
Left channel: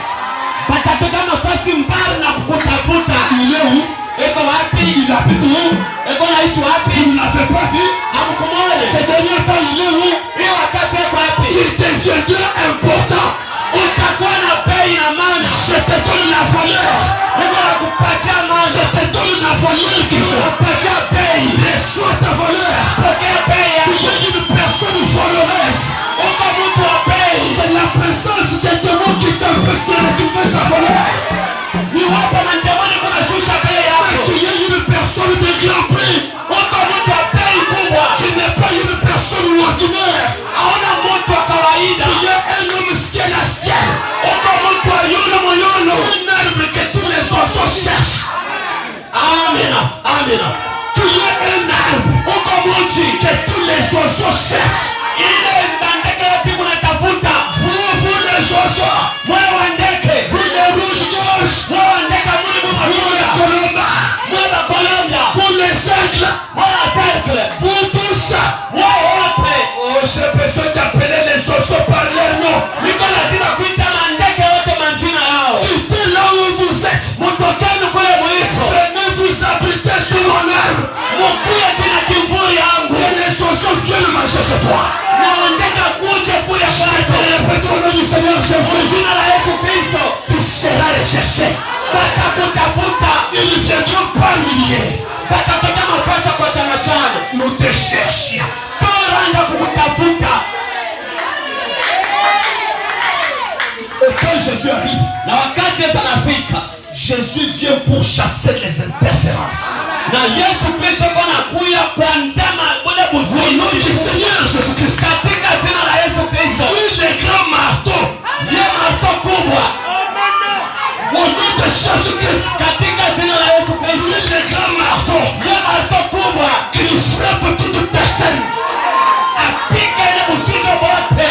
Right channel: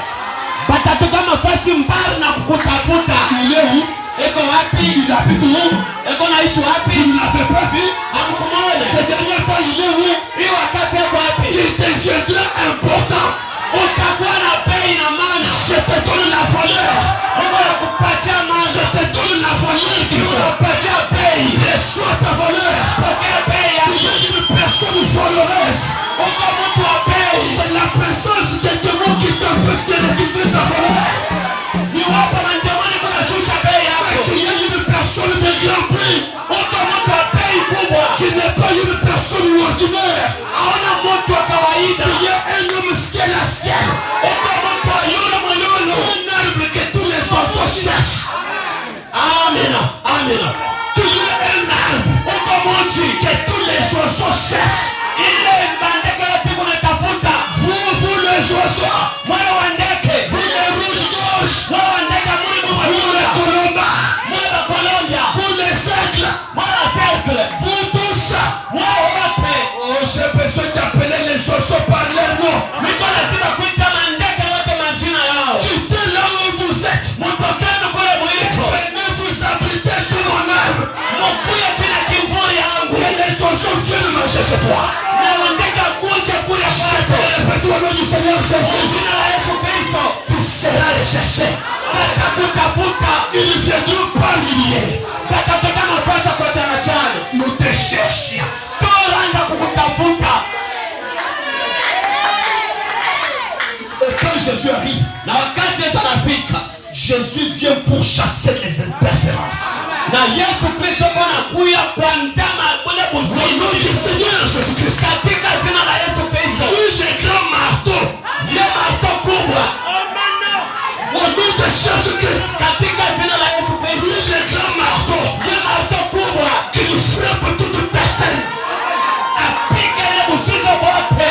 Batatoka nafasi mbali na kukutafuta. Il est où? Eko wapi? Il habite où? Eko naishi wapi? Il ne l'avait pas vu. Hamkumwona. Ces derniers temps, il est où? Hii wakati yako wapi? Tu deviendras important. Utakuwa na bei na maana. Je te donne la valeur. Mungu anakupatia maana. Je te donne la valeur qu'il faut. Anakupatia bei. Reçois ta valeur. Pokea bei Tu yako. es une personne valeureuse. Uko mtu wa bei. C'est la présence de Dieu qui t'empêche de récupérer ta valeur. Ni wapo manjamani kuna shusha bei yako. Tu es une personne de grand prix. Uko mtu wa bei kubwa. Tu n'es pas une personne ordinaire. Hauna mtu wa kawaida. Tu es un homme ciel à ciel. Uko mtu wa yulu moyulu. Un arbre que tous les oiseaux cherchent. Amina. Amina. Tu es un arbre Uko mchi. que tous les oiseaux cherchent. Ile ndege yote kunatafuta. Vous les oiseaux. Mwana wa ndege. Vous les rouges-gorges. Mwana wa ndege mwingi Vous les kabisa. colombas. Mwana wa Colombia. Vous les aigles. Mwana wa cercle. Vous tous. Wao wote. Oh, j'ai besoin d'appeler les oiseaux par leur nom. Niko lazima kuita mandege yote majina yao. Quittez là où vous êtes. Mtokeni kule mwiko. Venez vous abriter sur mon arbre. Mkuye chini ya kimvuli yangu. Et les oiseaux viennent manger chez toi. Na wandege kuje kule Je te kwako. répète au nom du Seigneur Kwa Jésus. jina la Yesu Kristo. Tu seras recherché. Watakutafuta. Ils viendront par milliers. Watatokea mafasha kwa chana chana. Nous te cherchions. Toranda kukutafuta. Et quand Jésus arrive, Na wakati Yesu anafika. Jésus vient pour chasser les interférences. Na Yesu Kristo anakuja kuandama kule Au nom du buzuizi. Seigneur Jésus-Christ. Katika jina la Yesu Kristo. Oui, les grands marteaux. Ye marto kubwa. Au nom de Jésus-Christ. Katika jina la Yesu Kristo. Oui, les grands marteaux. Ye marto kubwa. Qui frappent toute personne. Apige ile buzuizi wote.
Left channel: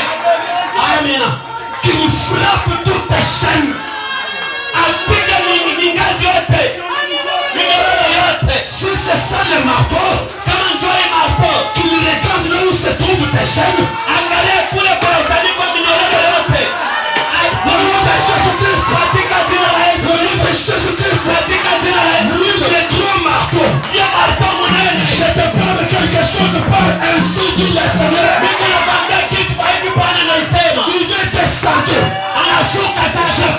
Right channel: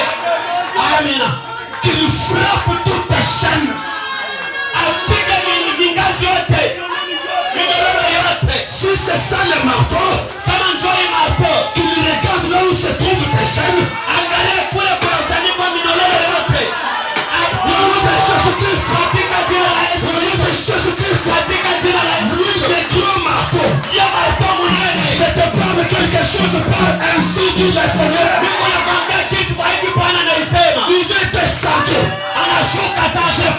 Amina. Qui frappent toute chaîne. Apige mingazi yote. Minyororo yote. Si c'est ça le marteau. Qu'il regarde là où se trouvent tes chaînes. Jésus-Christ. Jésus-Christ. Lui le grand marteau. Je te parle de quelque chose par ainsi dit le Seigneur. Il est descendu. Je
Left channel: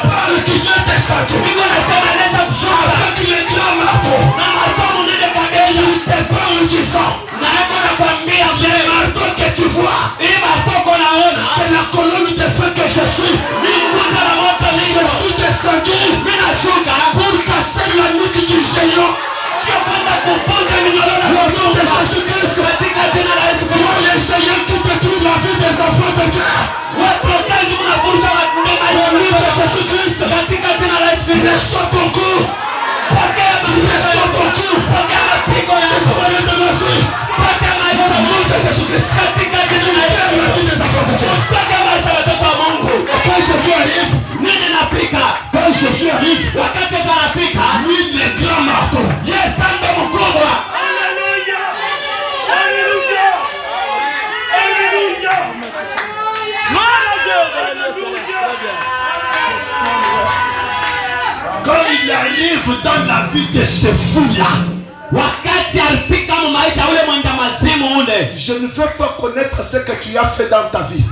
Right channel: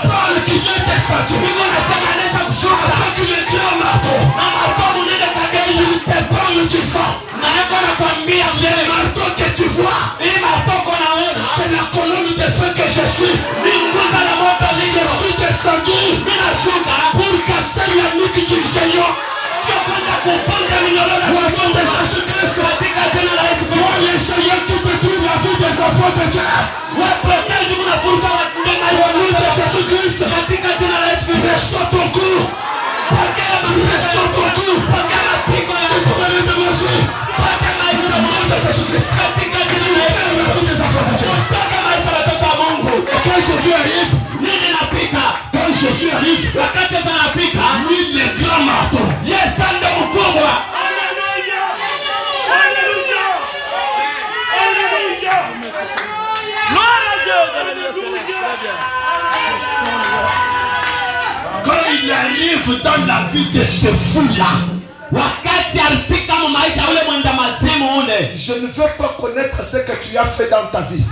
parle qu'il est descendu. Avec le grand marteau. Il te parle du sang. Le marteau que tu vois, c'est la colonne de feu que je suis. Je suis descendu pour casser la nuque du géant. Au nom de Jésus-Christ, moi les géants qui détruisent la vie des enfants de Dieu. Au nom de Jésus-Christ, reçois ton coup. Reçois ton coup. J'espère de ma vie. Au nom de Jésus-Christ, la vie des enfants de Dieu. Quand Jésus arrive, quand Jésus arrive, lui le grand marteau. Alléluia. Alléluia. Alléluia. Gloire à Dieu. Alléluia. Très bien. Quand il arrive dans la vie de ce fou-là, je ne veux pas connaître ce que tu as fait dans ta vie.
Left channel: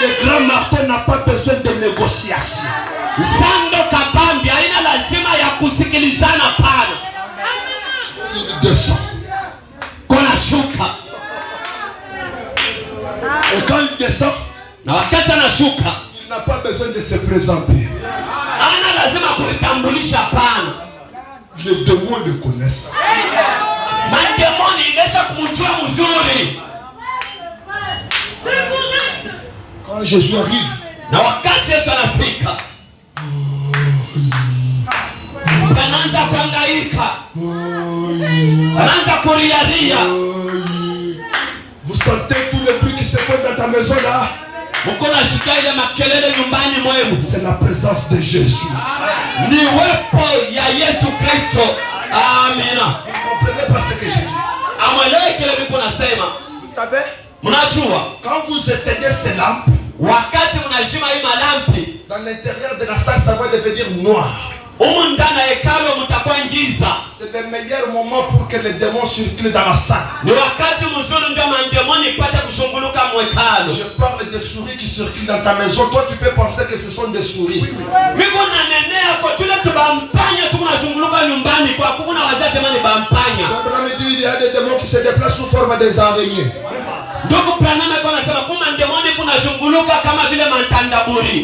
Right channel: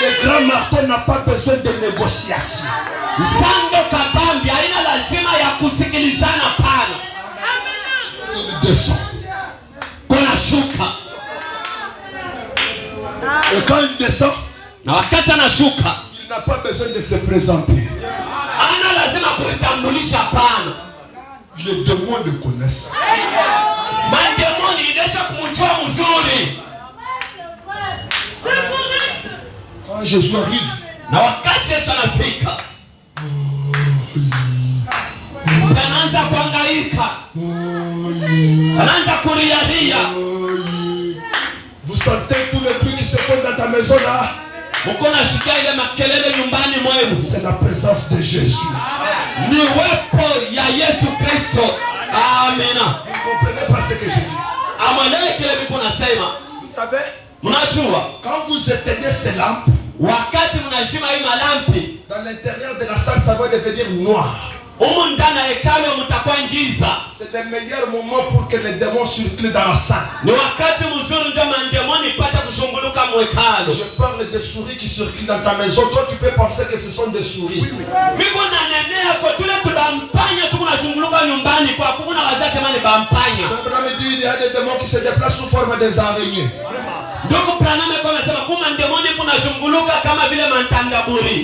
Le grand marteau n'a pas besoin de négociation. Il descend. Et quand il descend, il n'a pas besoin de se présenter. Les démons le connaissent. Quand Jésus arrive, vous sentez tout le bruit qui se fait dans ta maison là? C'est la présence de Jésus. Vous ne comprenez pas ce que je dis? Vous savez, quand vous éteignez ces lampes, dans l'intérieur de la salle, ça va devenir noir. C'est le meilleur moment pour que les démons circulent dans la salle. Je parle des souris qui circulent dans ta maison. Toi, tu peux penser que ce sont des souris. Il y a des démons qui se déplacent sous forme des araignées. Il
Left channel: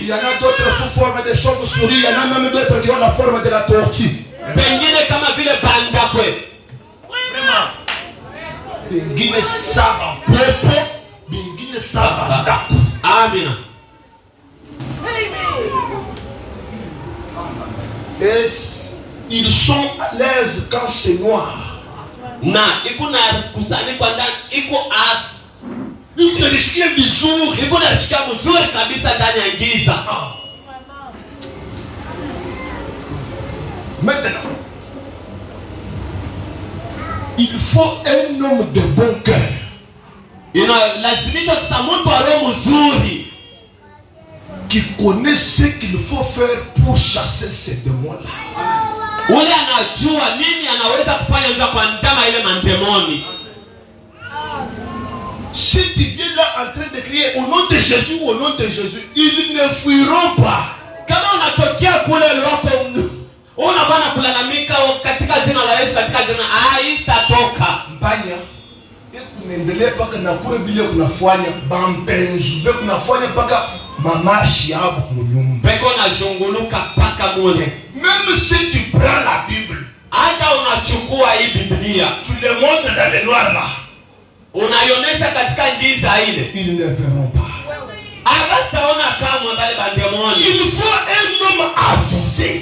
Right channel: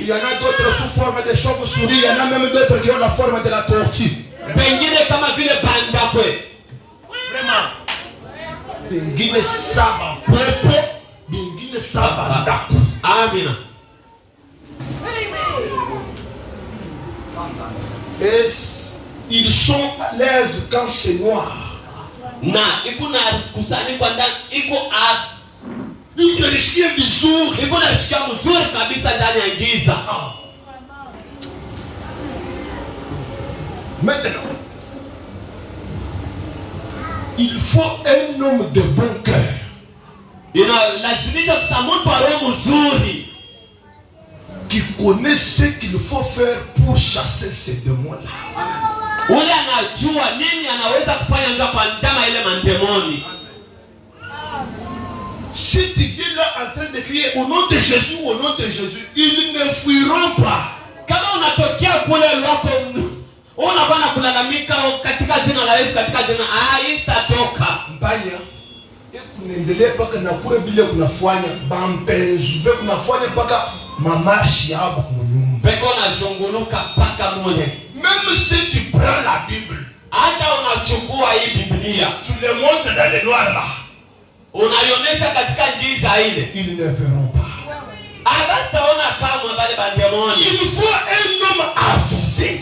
y en a d'autres sous forme de chauves-souris. Il y en a même d'autres qui ont la forme de la tortue. Et ils sont à l'aise quand c'est noir. Unajisikia vizuri. Unajisikia mzuri kabisa ndani ya giza. Maintenant, il faut un homme de bon cœur. Inalazimisha sasa mtu wa roho mzuri qui connaît ce qu'il faut faire pour chasser ces démons-là. Ule anajua nini anaweza kufanya ndio kuandama ile mandemoni. Si tu viens là en train de crier au nom de Jésus, au nom de Jésus, ils ne fuiront pas. Kama unatokea kule loko unabana kulalamika katika jina la Yesu, katika jina haitatoka. Mbanya ekuendelea paka na kure bile kunafanya bampenzu be kunafanya paka mamashi yabo kunyumba. Beko na zunguluka paka mule. Même si tu prends la Bible, hata unachukua hii Biblia, tu le montres dans le noir là, unaionesha katika giza ile, ils ne verront pas. Hawataona kamwe bali bandemoni. Il faut un homme avisé.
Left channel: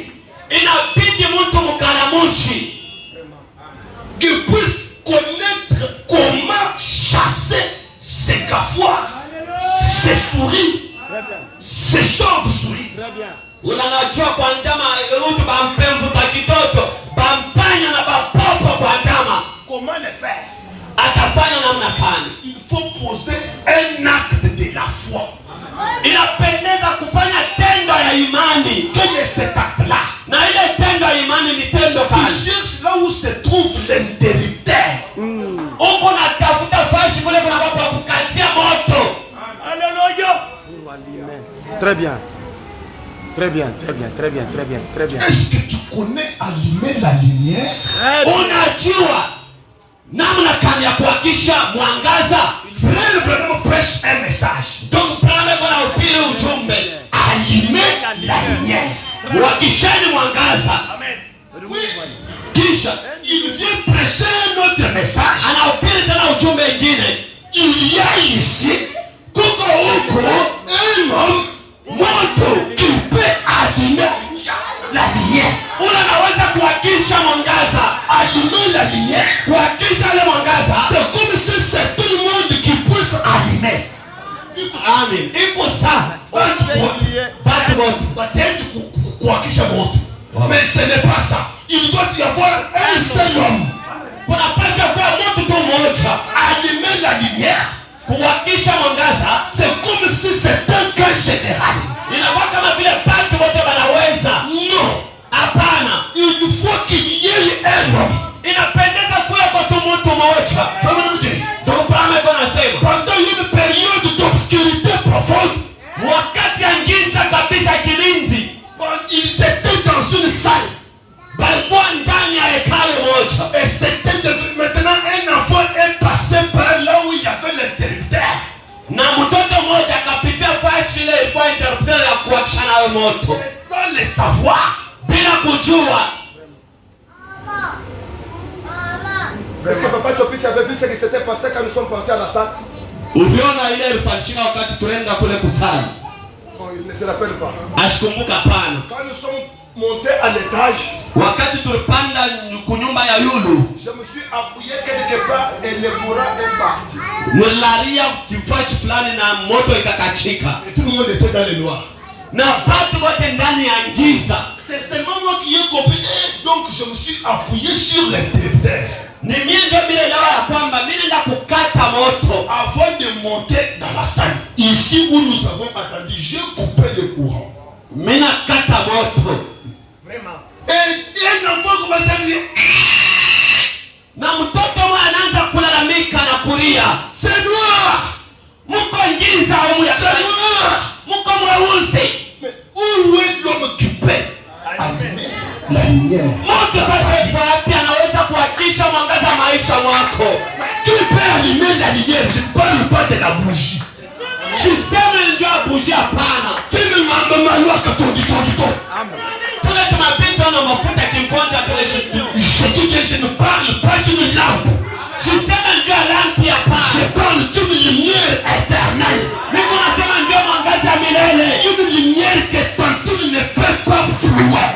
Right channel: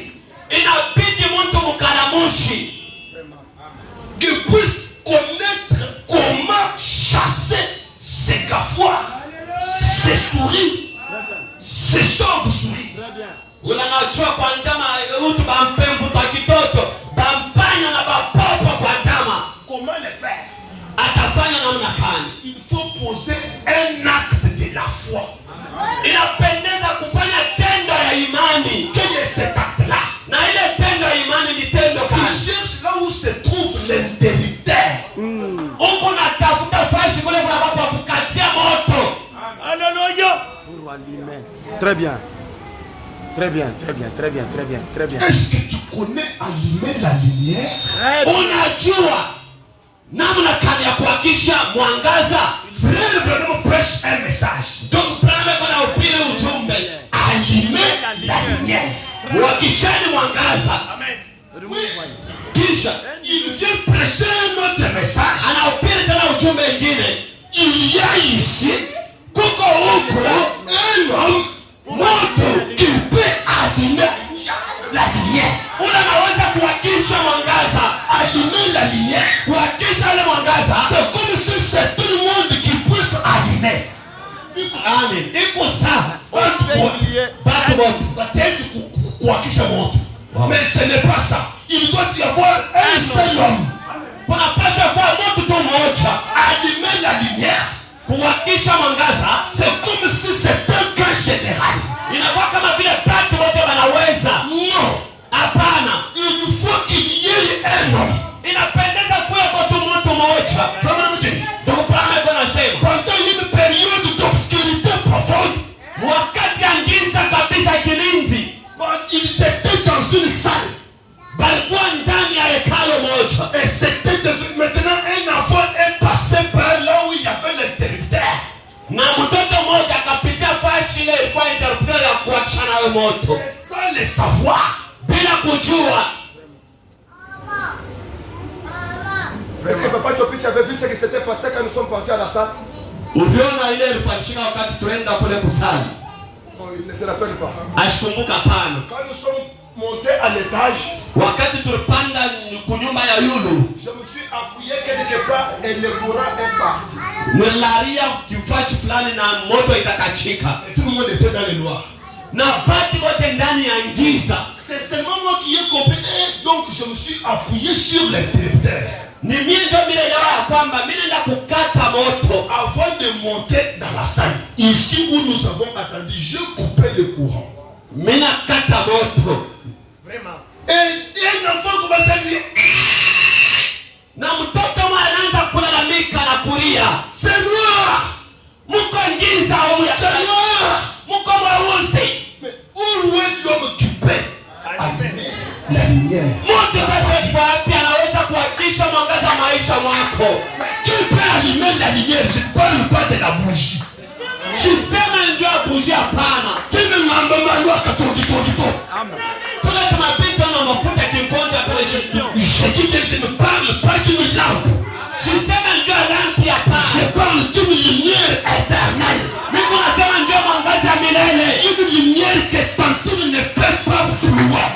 Inabidi mtu mkalamushi qui puisse connaître comment chasser ces gafois, ces souris, ces chauves-souris. Unanajua kwa ndama utu bampemvu pa kitoto, bampanya na bapopo kwa ndama. Comment le faire? Atafanya namna gani? Il faut poser un acte de la foi. Inapendeza kufanya tendo ya imani. Quel est cet acte-là? Na ile tendo ya imani ni tendo Il gani? cherche là où se trouve l'interrupteur. Uko natafuta fashi kule kuna watu wa kukatia moto. Alléluia. Très bien. Très bien, très bien, très bien, très bien, très bien. Est-ce que tu connais allumer la lumière? Unajua namna gani ya kuhakisha mwangaza? Frère Branham prêche un message. Donc Branham kuna upili ujumbe. Allumer la lumière. Wakisheni mwangaza. Amen. Oui. Kisha Il vient prêcher un autre message. anaupili tena ujumbe ingine. Il y a ici Kuko huko un homme moto qui peut allumer la lumière. unaweza kuhakisha mwangaza. Allumer la lumière. Kuhakisha ile mwangaza. C'est comme si c'est tout le monde qui puisse allumer. Amen. Iko sawa. Batu wote. Baptême kuhakisha moto. Mais ce n'est pas ça. Il doit y avoir un seul homme. Kunapaswa kuwa mtu tu mmoja. Allumer la lumière. Kuhakisha mwangaza. C'est comme si c'était un cas général. Inakuwa kama vile watu wote wanaweza. Non. Hapana. Il faut qu'il y ait un homme. Inapendeza kuwa kwa tu mtu mmoja. Ndio Branham anasema. Pendant une période d'obscurité profonde, Wakati ya giza kabisa kilindi. quand ils étaient dans une salle, Balikuwa ndani ya hekalu moja. et c'était maintenant un enfant est passé par là où il y avait l'interrupteur. Na mtoto mmoja akapitia fashi ile ilikuwa interpreter ya kuachana nayo moto. Et sans le savoir, Bila kujua. Est-ce que papa Chopi avait vu ce qui s'était passé quand nous sommes partis à la salle? Uliona ile ilifanyika wakati tulienda kule kusali. Non, il ne se rappelle pas. Ashikumbuka pana. quand nous sommes montés à l'étage, Wakati tulipanda kunyumba ya yulu. je me suis appuyé quelque part et le courant est parti. Nilaria kifashi fulani na moto ikakachika. Et tout le monde était dans le noir. Na watu wote ndani ya giza. C'est seulement moi qui ai compris. Et donc je me suis appuyé sur l'interrupteur. Ni mimi ndio bila dawa ya kwamba mimi naenda kukata moto. Avant de monter dans la salle, ici où nous avons attendu, j'ai coupé le courant. Mimi nakata moto. Vraiment. Et un enfant commence à lui dire, Na mtoto mmoja anaanza kulalamika na kulia. c'est noir, Mko giza au ya c'est noir. mko mweusi. Mais où est l'homme qui peut allumer la lumière? Mtu sasa wapi anaweza kuhakisha mwangaza maisha mwako? Qui peut allumer la lumière? Je ne parle pas de la bougie. Siseme ndio bougie hapana. Tu ne m'as pas mal à Amen. Tuna tunapita na mafuta kimkonja kule Yesu. Je dis que je ne parle pas d'une lampe. Siseme ndio lampi hapana. Je parle d'une lumière éternelle. Mimi nasema ndio mwangaza ya milele. Une lumière que quand tu ne fais pas plus loin.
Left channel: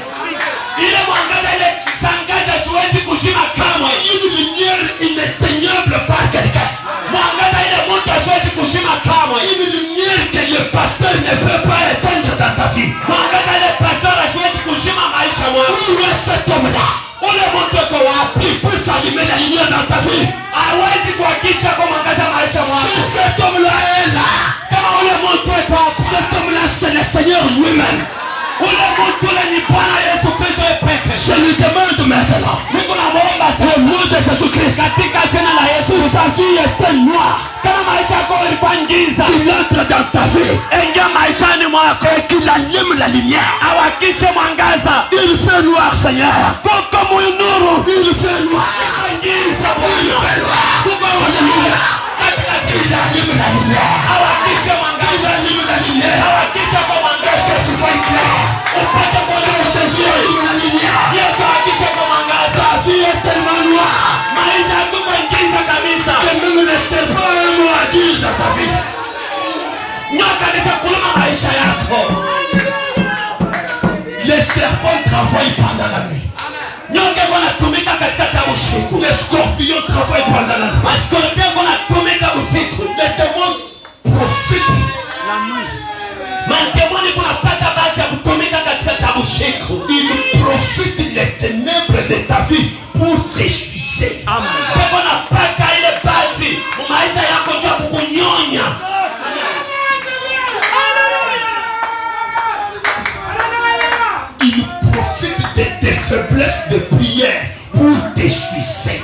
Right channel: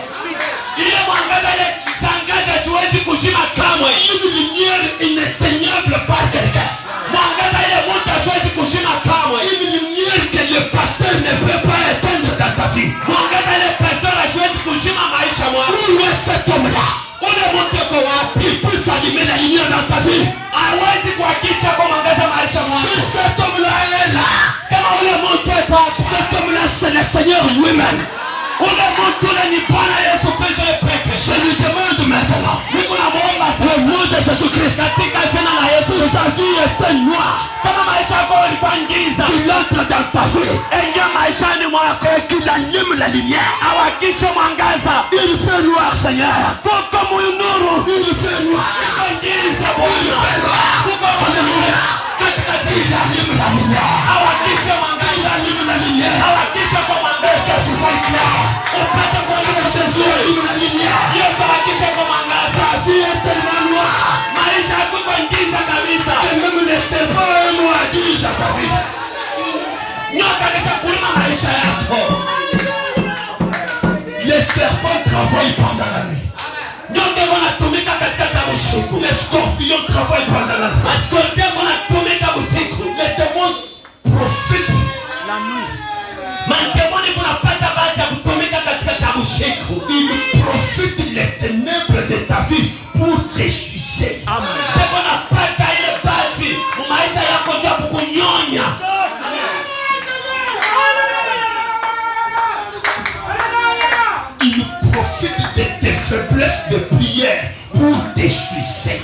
Ile mwangaza ile sangaza tuwezi kushika kamwe. Une lumière inéteignable par quelqu'un. Mwangaza ile mtu hasiwezi kushika kamwe. Une lumière que le pasteur ne peut pas éteindre dans ta vie. Mwangaza ile pastor hasiwezi kushika maisha mwako. Où est cet homme-là? Ule mtu uko wapi? Il peut s'allumer la lumière dans ta vie. Hawezi kuhakisha kwa mwangaza maisha mwako. Si cet homme-là est là, Kama ule mtu uko wapi? cet homme-là c'est le Seigneur lui-même. Ule mtu ule ni Bwana Yesu Kristo pekee. Je lui demande maintenant, Niko namuomba au nom de Jésus-Christ, katika jina la Yesu, si ta vie est noire, kama maisha yako yalikuwa giza, qu'il entre dans ta vie ingia maishani mwako, et qu'il allume la lumière. awakishe mwangaza. Il fait noir, Seigneur. Kuko munuru, Il fait noir. kuko giza Bwana, kuko Alléluia. katika Il jina, allume la lumière. awakishe Il mwangaza, allume la lumière. awakishe kwa mwangaza, Que tu vois clair. upate kuona Jésus allume la lumière. Yesu awakishe kwa mwangaza. Ta vie est tellement noire Maisha yako giza kabisa, que même le serpent est noir dans ta vie. nyoka nishakuluma maisha yako. Les serpents travaillent pendant la nuit. Nyoka wanatumika katika usiku. Les scorpions travaillent pendant la nuit. Maskorpio wanatumika usiku. Les démons profitent. La nuit. Mademoni kunapata bahati ya kutumika katika faiblesse de prière pour te sucer.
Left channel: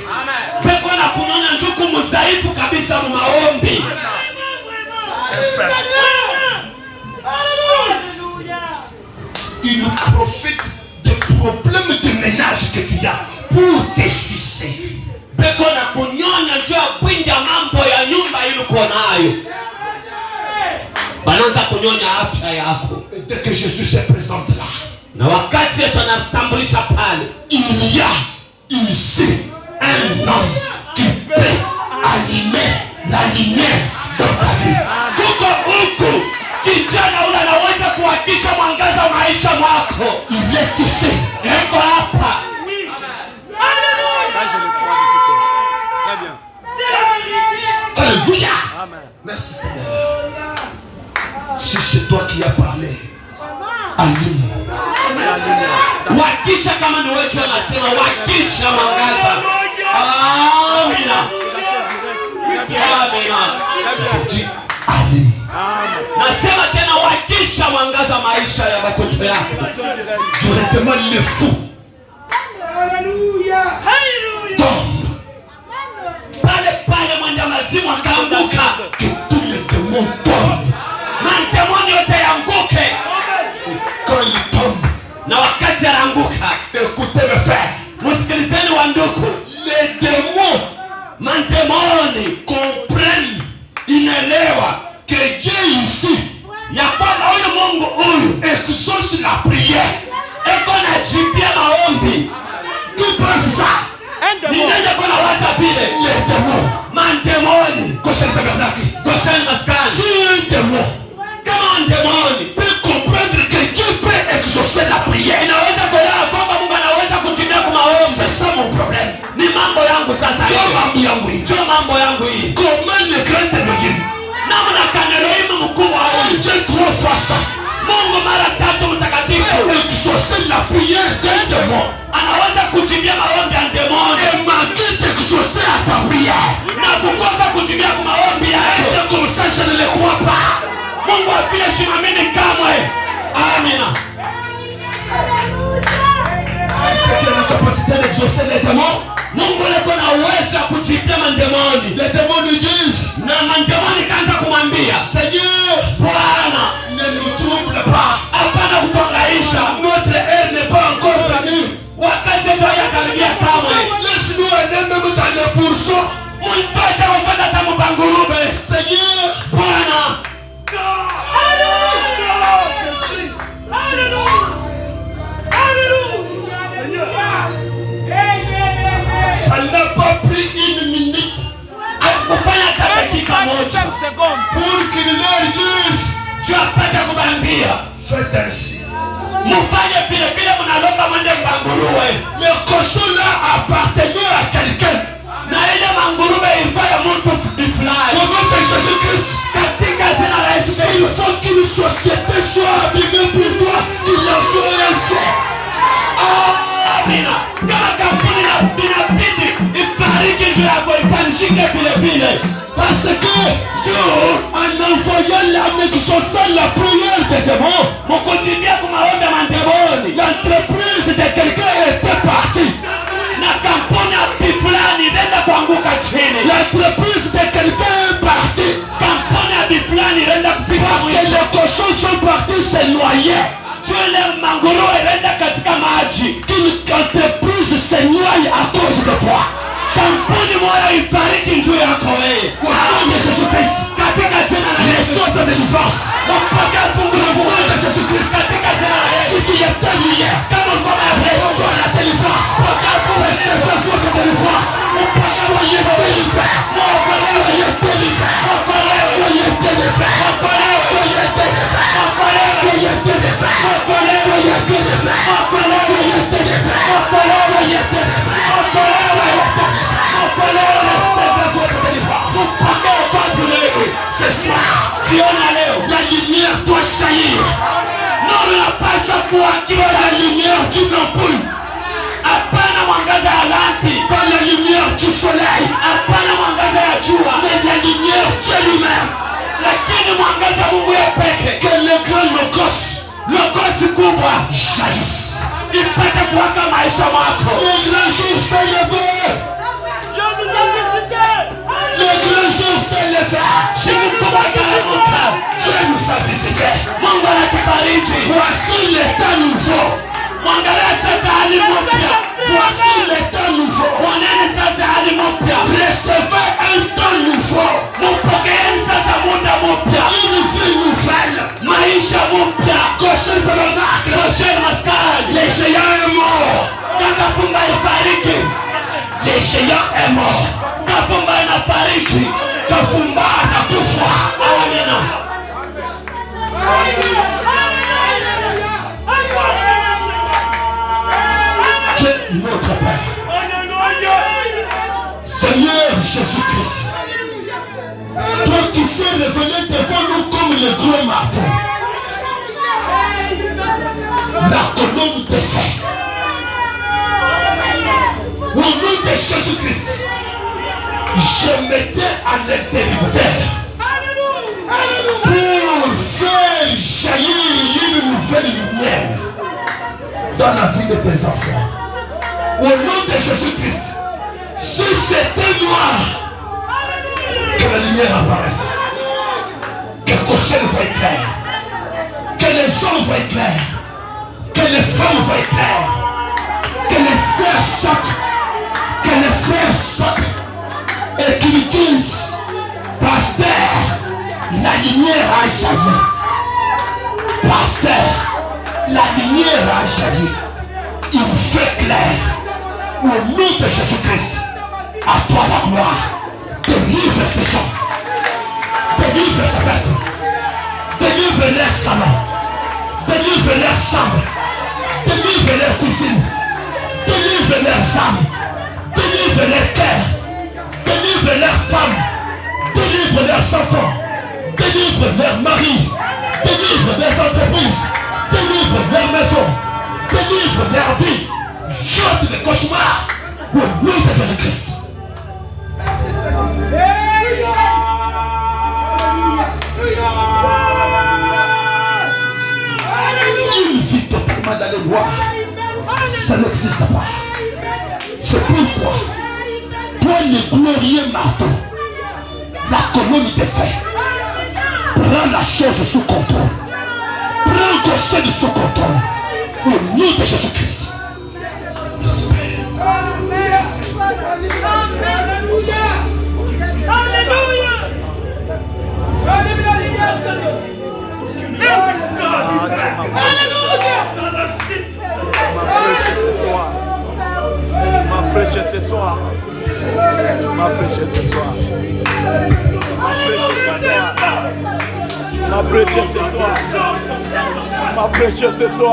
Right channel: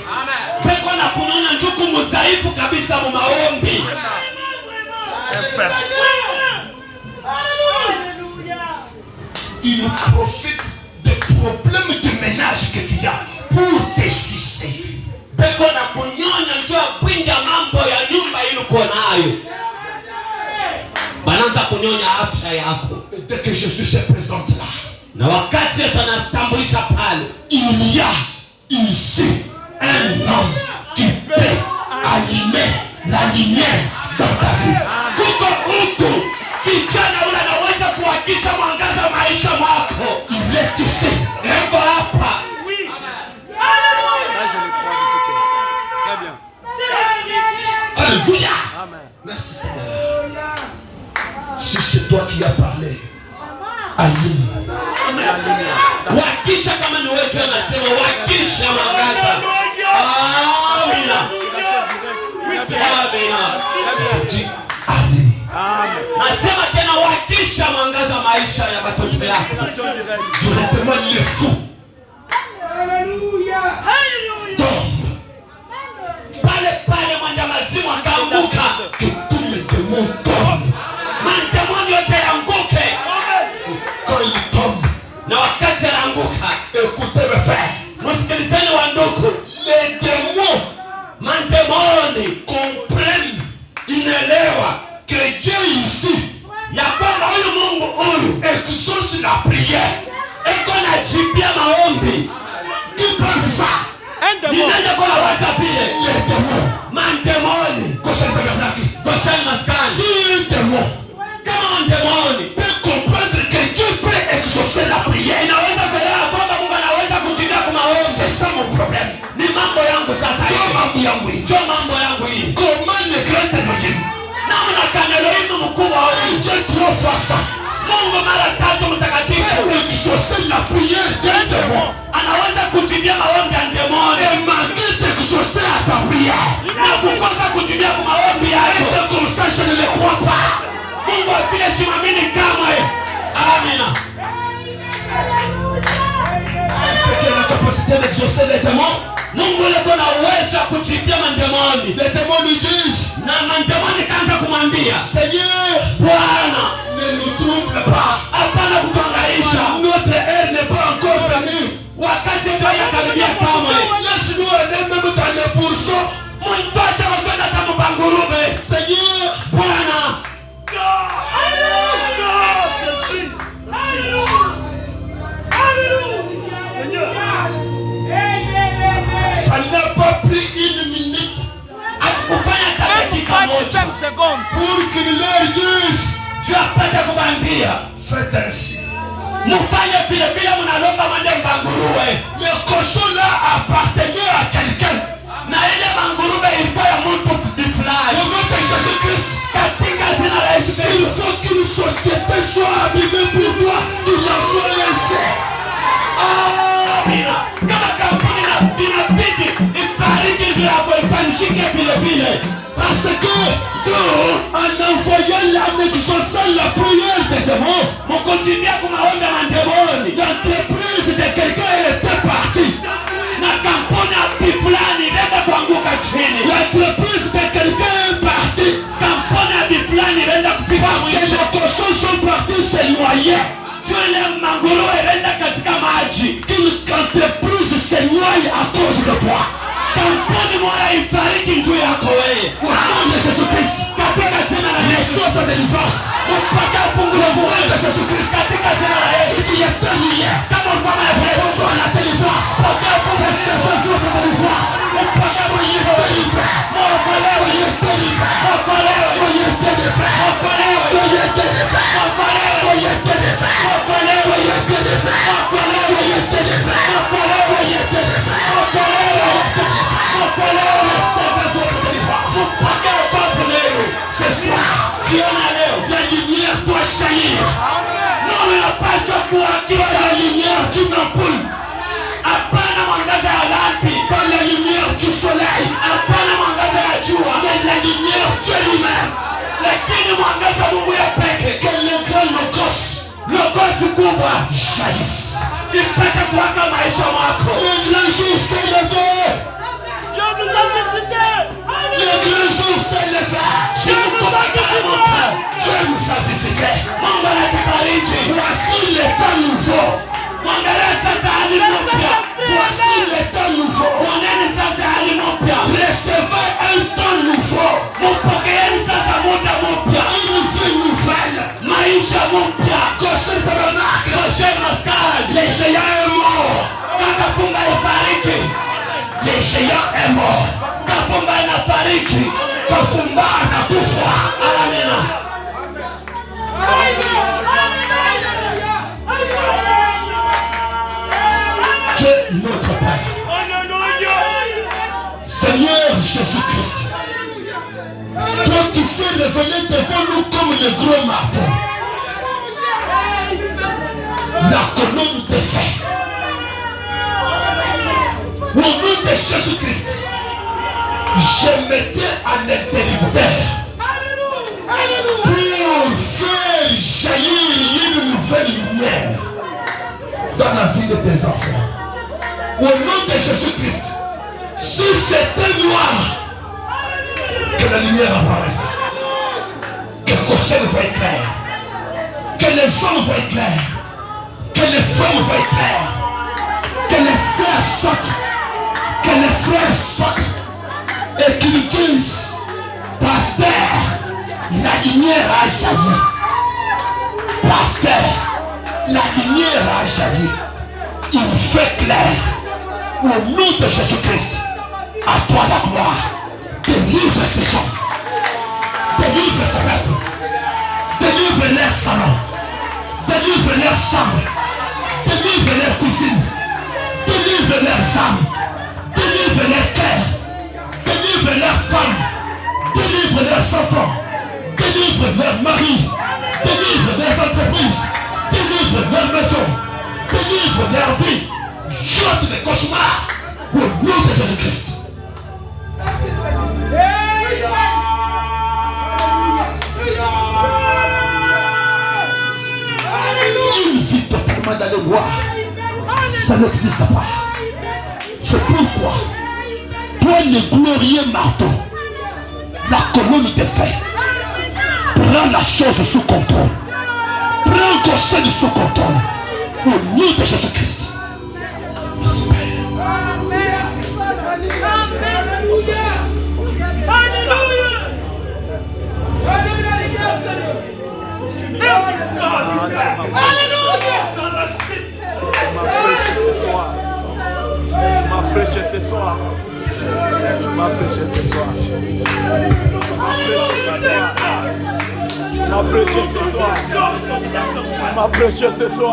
Peko na kunyona njuku muzaifu kabisa mu maombi. Il profite des problèmes de ménage que tu as pour te sucer. Peko na kunyona njua kwinja mambo ya nyumba iluko nayo. Bananza kunyonya afya yako. Dès que Jésus se présente là, na wakati Yesu anatambulisha pale, il y a ici un homme qui peut allumer la lumière dans ta vie. Kuko huku kijana ule anaweza kuhakisha mwangaza maisha mwako. Il est ici. Eko hapa. Ça, je le crois de tout cœur. Très bien. Alléluia. Amen. Merci Seigneur. Si c'est toi qui as parlé, allume La lumière. Wakisha kama ni wewe unasema wakisha mwangaza. Amina. Je dis allume. Amen. Nasema tena wakisha mwangaza maisha ya watoto yako. Directement les fous tombent. Pale mwenda mazimu akaanguka. Que tous les démons tombent. Mandemoni yote yanguke. Et quand ils tombent, Na wakati anaanguka, écoutez mes frères, msikilizeni wa ndugu, les démons mandemoni comprennent, inaelewa que Dieu ici ya kwamba huyu Mungu huyu exauce la prière. eko na jibia maombi. Qui pense ça? Un démon. Ninende kona waza vile Les démons. mandemoni Goshen tabernacle. Goshen maskani. Si un démon Kama mandemoni peut comprendre que Dieu peut exaucer la prière, inaweza kuelewa kwamba Mungu anaweza kujibia kwa maombi, c'est ça mon problème. ni mambo yangu sasa hivi. Ndio mambo yangu hii. Comment le grand Elohim, Namna kana Elohim mkubwa huyu, Dieu 3 fois ça, Mungu mara 3 mtakatifu, peut exaucer la prière d'un démon anaweza kujibia maombi ya demoni et manquer d'exaucer à ta prière. na kukosa kujibia kwa maombi yako. Et comme ça, je ne le crois pas. Mungu afile chimamini kamwe. Amina. Dieu qui a la capacité d'exaucer les démons. Mungu leko na uwezo wa kujibia mandemoni. Les démons lui disent, Na mandemoni kaanza kumwambia, Seigneur, Bwana, ne nous trouble pas. hapana kutuangaisha. Notre heure n'est pas encore venue. Wakati ndio yakaribia kamwe. Laisse-nous aller même dans les pourceaux. Muntocha wakwenda tamu bangurube. Seigneur, Bwana, ça n'a pas pris une minute kufanya hata dakika 5 moja secondes. pour qu'il leur dise, juu apate kubambia. faites ainsi. Mufanye vile vile mnaloka mande banguruwe. Le cochon là appartenait à quelqu'un. Na ile mangurube ilikuwa ya mtu fulani. Au nom de Jésus-Christ, Katika jina la Yesu il Kristo. faut qu'une société soit abîmée pour toi, qu'il en soit ainsi. Amina. Kama kampuni na inabidi ifariki juu yako ifanishike vile vile. Parce que en envoyant l'âme exaucant la prière des démons, Mukujibia kumaombe mandemoni. l'entreprise de quelqu'un était partie. Na kampuni ya fulani inaenda kuanguka chini. L'entreprise de quelqu'un est partie. Kampuni ya fulani inaenda kufika Parce que mwisho. les cochons sont partis se noyer. Tuele manguruwe inaenda katika maji. Qu'une entreprise se noie à cause de toi. Kampuni moja ifariki juu yako wewe. Au nom de Jésus-Christ, Katika jina la les Yesu. sortes de délivrance. Mpaka fungu la Au nom Mungu. de Jésus-Christ, Katika jina la Yesu. ce qui est terminé, Kama mfano ya Yesu. reçois la délivrance. Recevez votre délivrance. Soyez délivrés. Soyez délivrés. Soyez délivrés. Soyez délivrés. Soyez délivrés. Soyez délivrés. Soyez délivrés. Soyez délivrés. Recevez votre délivrance. Ce soir, la lumière doit jaillir. Nuru inapaswa kuwakisha. Pas la lumière d'une ampoule, Hapana mwangaza ya lampi. pas la lumière du soleil, Hapana mwangaza ya jua. mais la lumière Dieu lui-même. Lakini mwangaza Mungu ya peke. Que le grand logos Logosi kubwa jaillisse. ipate kuwaka maisha mwako. Le grand jour s'est levé. Je vous ai visité. Le grand jour s'est levé. Dieu nous a visité. Mungu anatufariji. Voici l'état nouveau. Mwangalia sasa hali mpya. Voici l'état nouveau. Mwoneni sasa hali mpya. Recevez un temps nouveau. Mpokeeni sasa muda mpya. Une vie nouvelle. Maisha mpya. Goshen Tabernacle. Goshen Maskani. Les géants est mort. Kafumba ifariki. Les géants est mort. Kafumba inafariki. Kafumba anakufa. Amina. Dieu notre Père. Seigneur Jésus-Christ. Toi qui s'est révélé devant nous comme le gros marteau. La colonne de fer. Au nom de Jésus-Christ, je mettais un interrupteur pour faire jaillir une nouvelle lumière dans la vie de tes enfants. Au nom de Jésus-Christ, si c'était noir, que la lumière apparaisse, que Goshen voie clair, que les hommes voient clair, que les femmes voient clair, que les sœurs sortent, que les frères sortent et qu'ils disent: Pasteur, la lumière a jailli. Pasteur, la lumière a jailli. Il fait clair. Au nom de Jésus-Christ, à toi la gloire. Délivre ces gens. Délivre ces peuples. Délivre leur salon. Délivre leur chambre. Délivre leur cuisine. Délivre leurs âmes. Délivre leur cœur. Délivre leurs femmes. Délivre leurs enfants. Délivre leurs maris. Délivre leurs entreprises. Délivre leurs maisons. Délivre leur vie. Jette les cauchemars au nom de Jésus-Christ. Une vie totalement dans les bois, ça n'existe pas. C'est pourquoi toi le glorieux marteau, la colonne de fer, prends la chose sous contrôle. Prends Goshen sous contrôle. Au nom de Jésus-Christ. Merci Père. Ma prêché ce soir. Ma prêché ce soir. Ma prêché ce soir. Ma prêché ce soir. Ma prêché ce soir.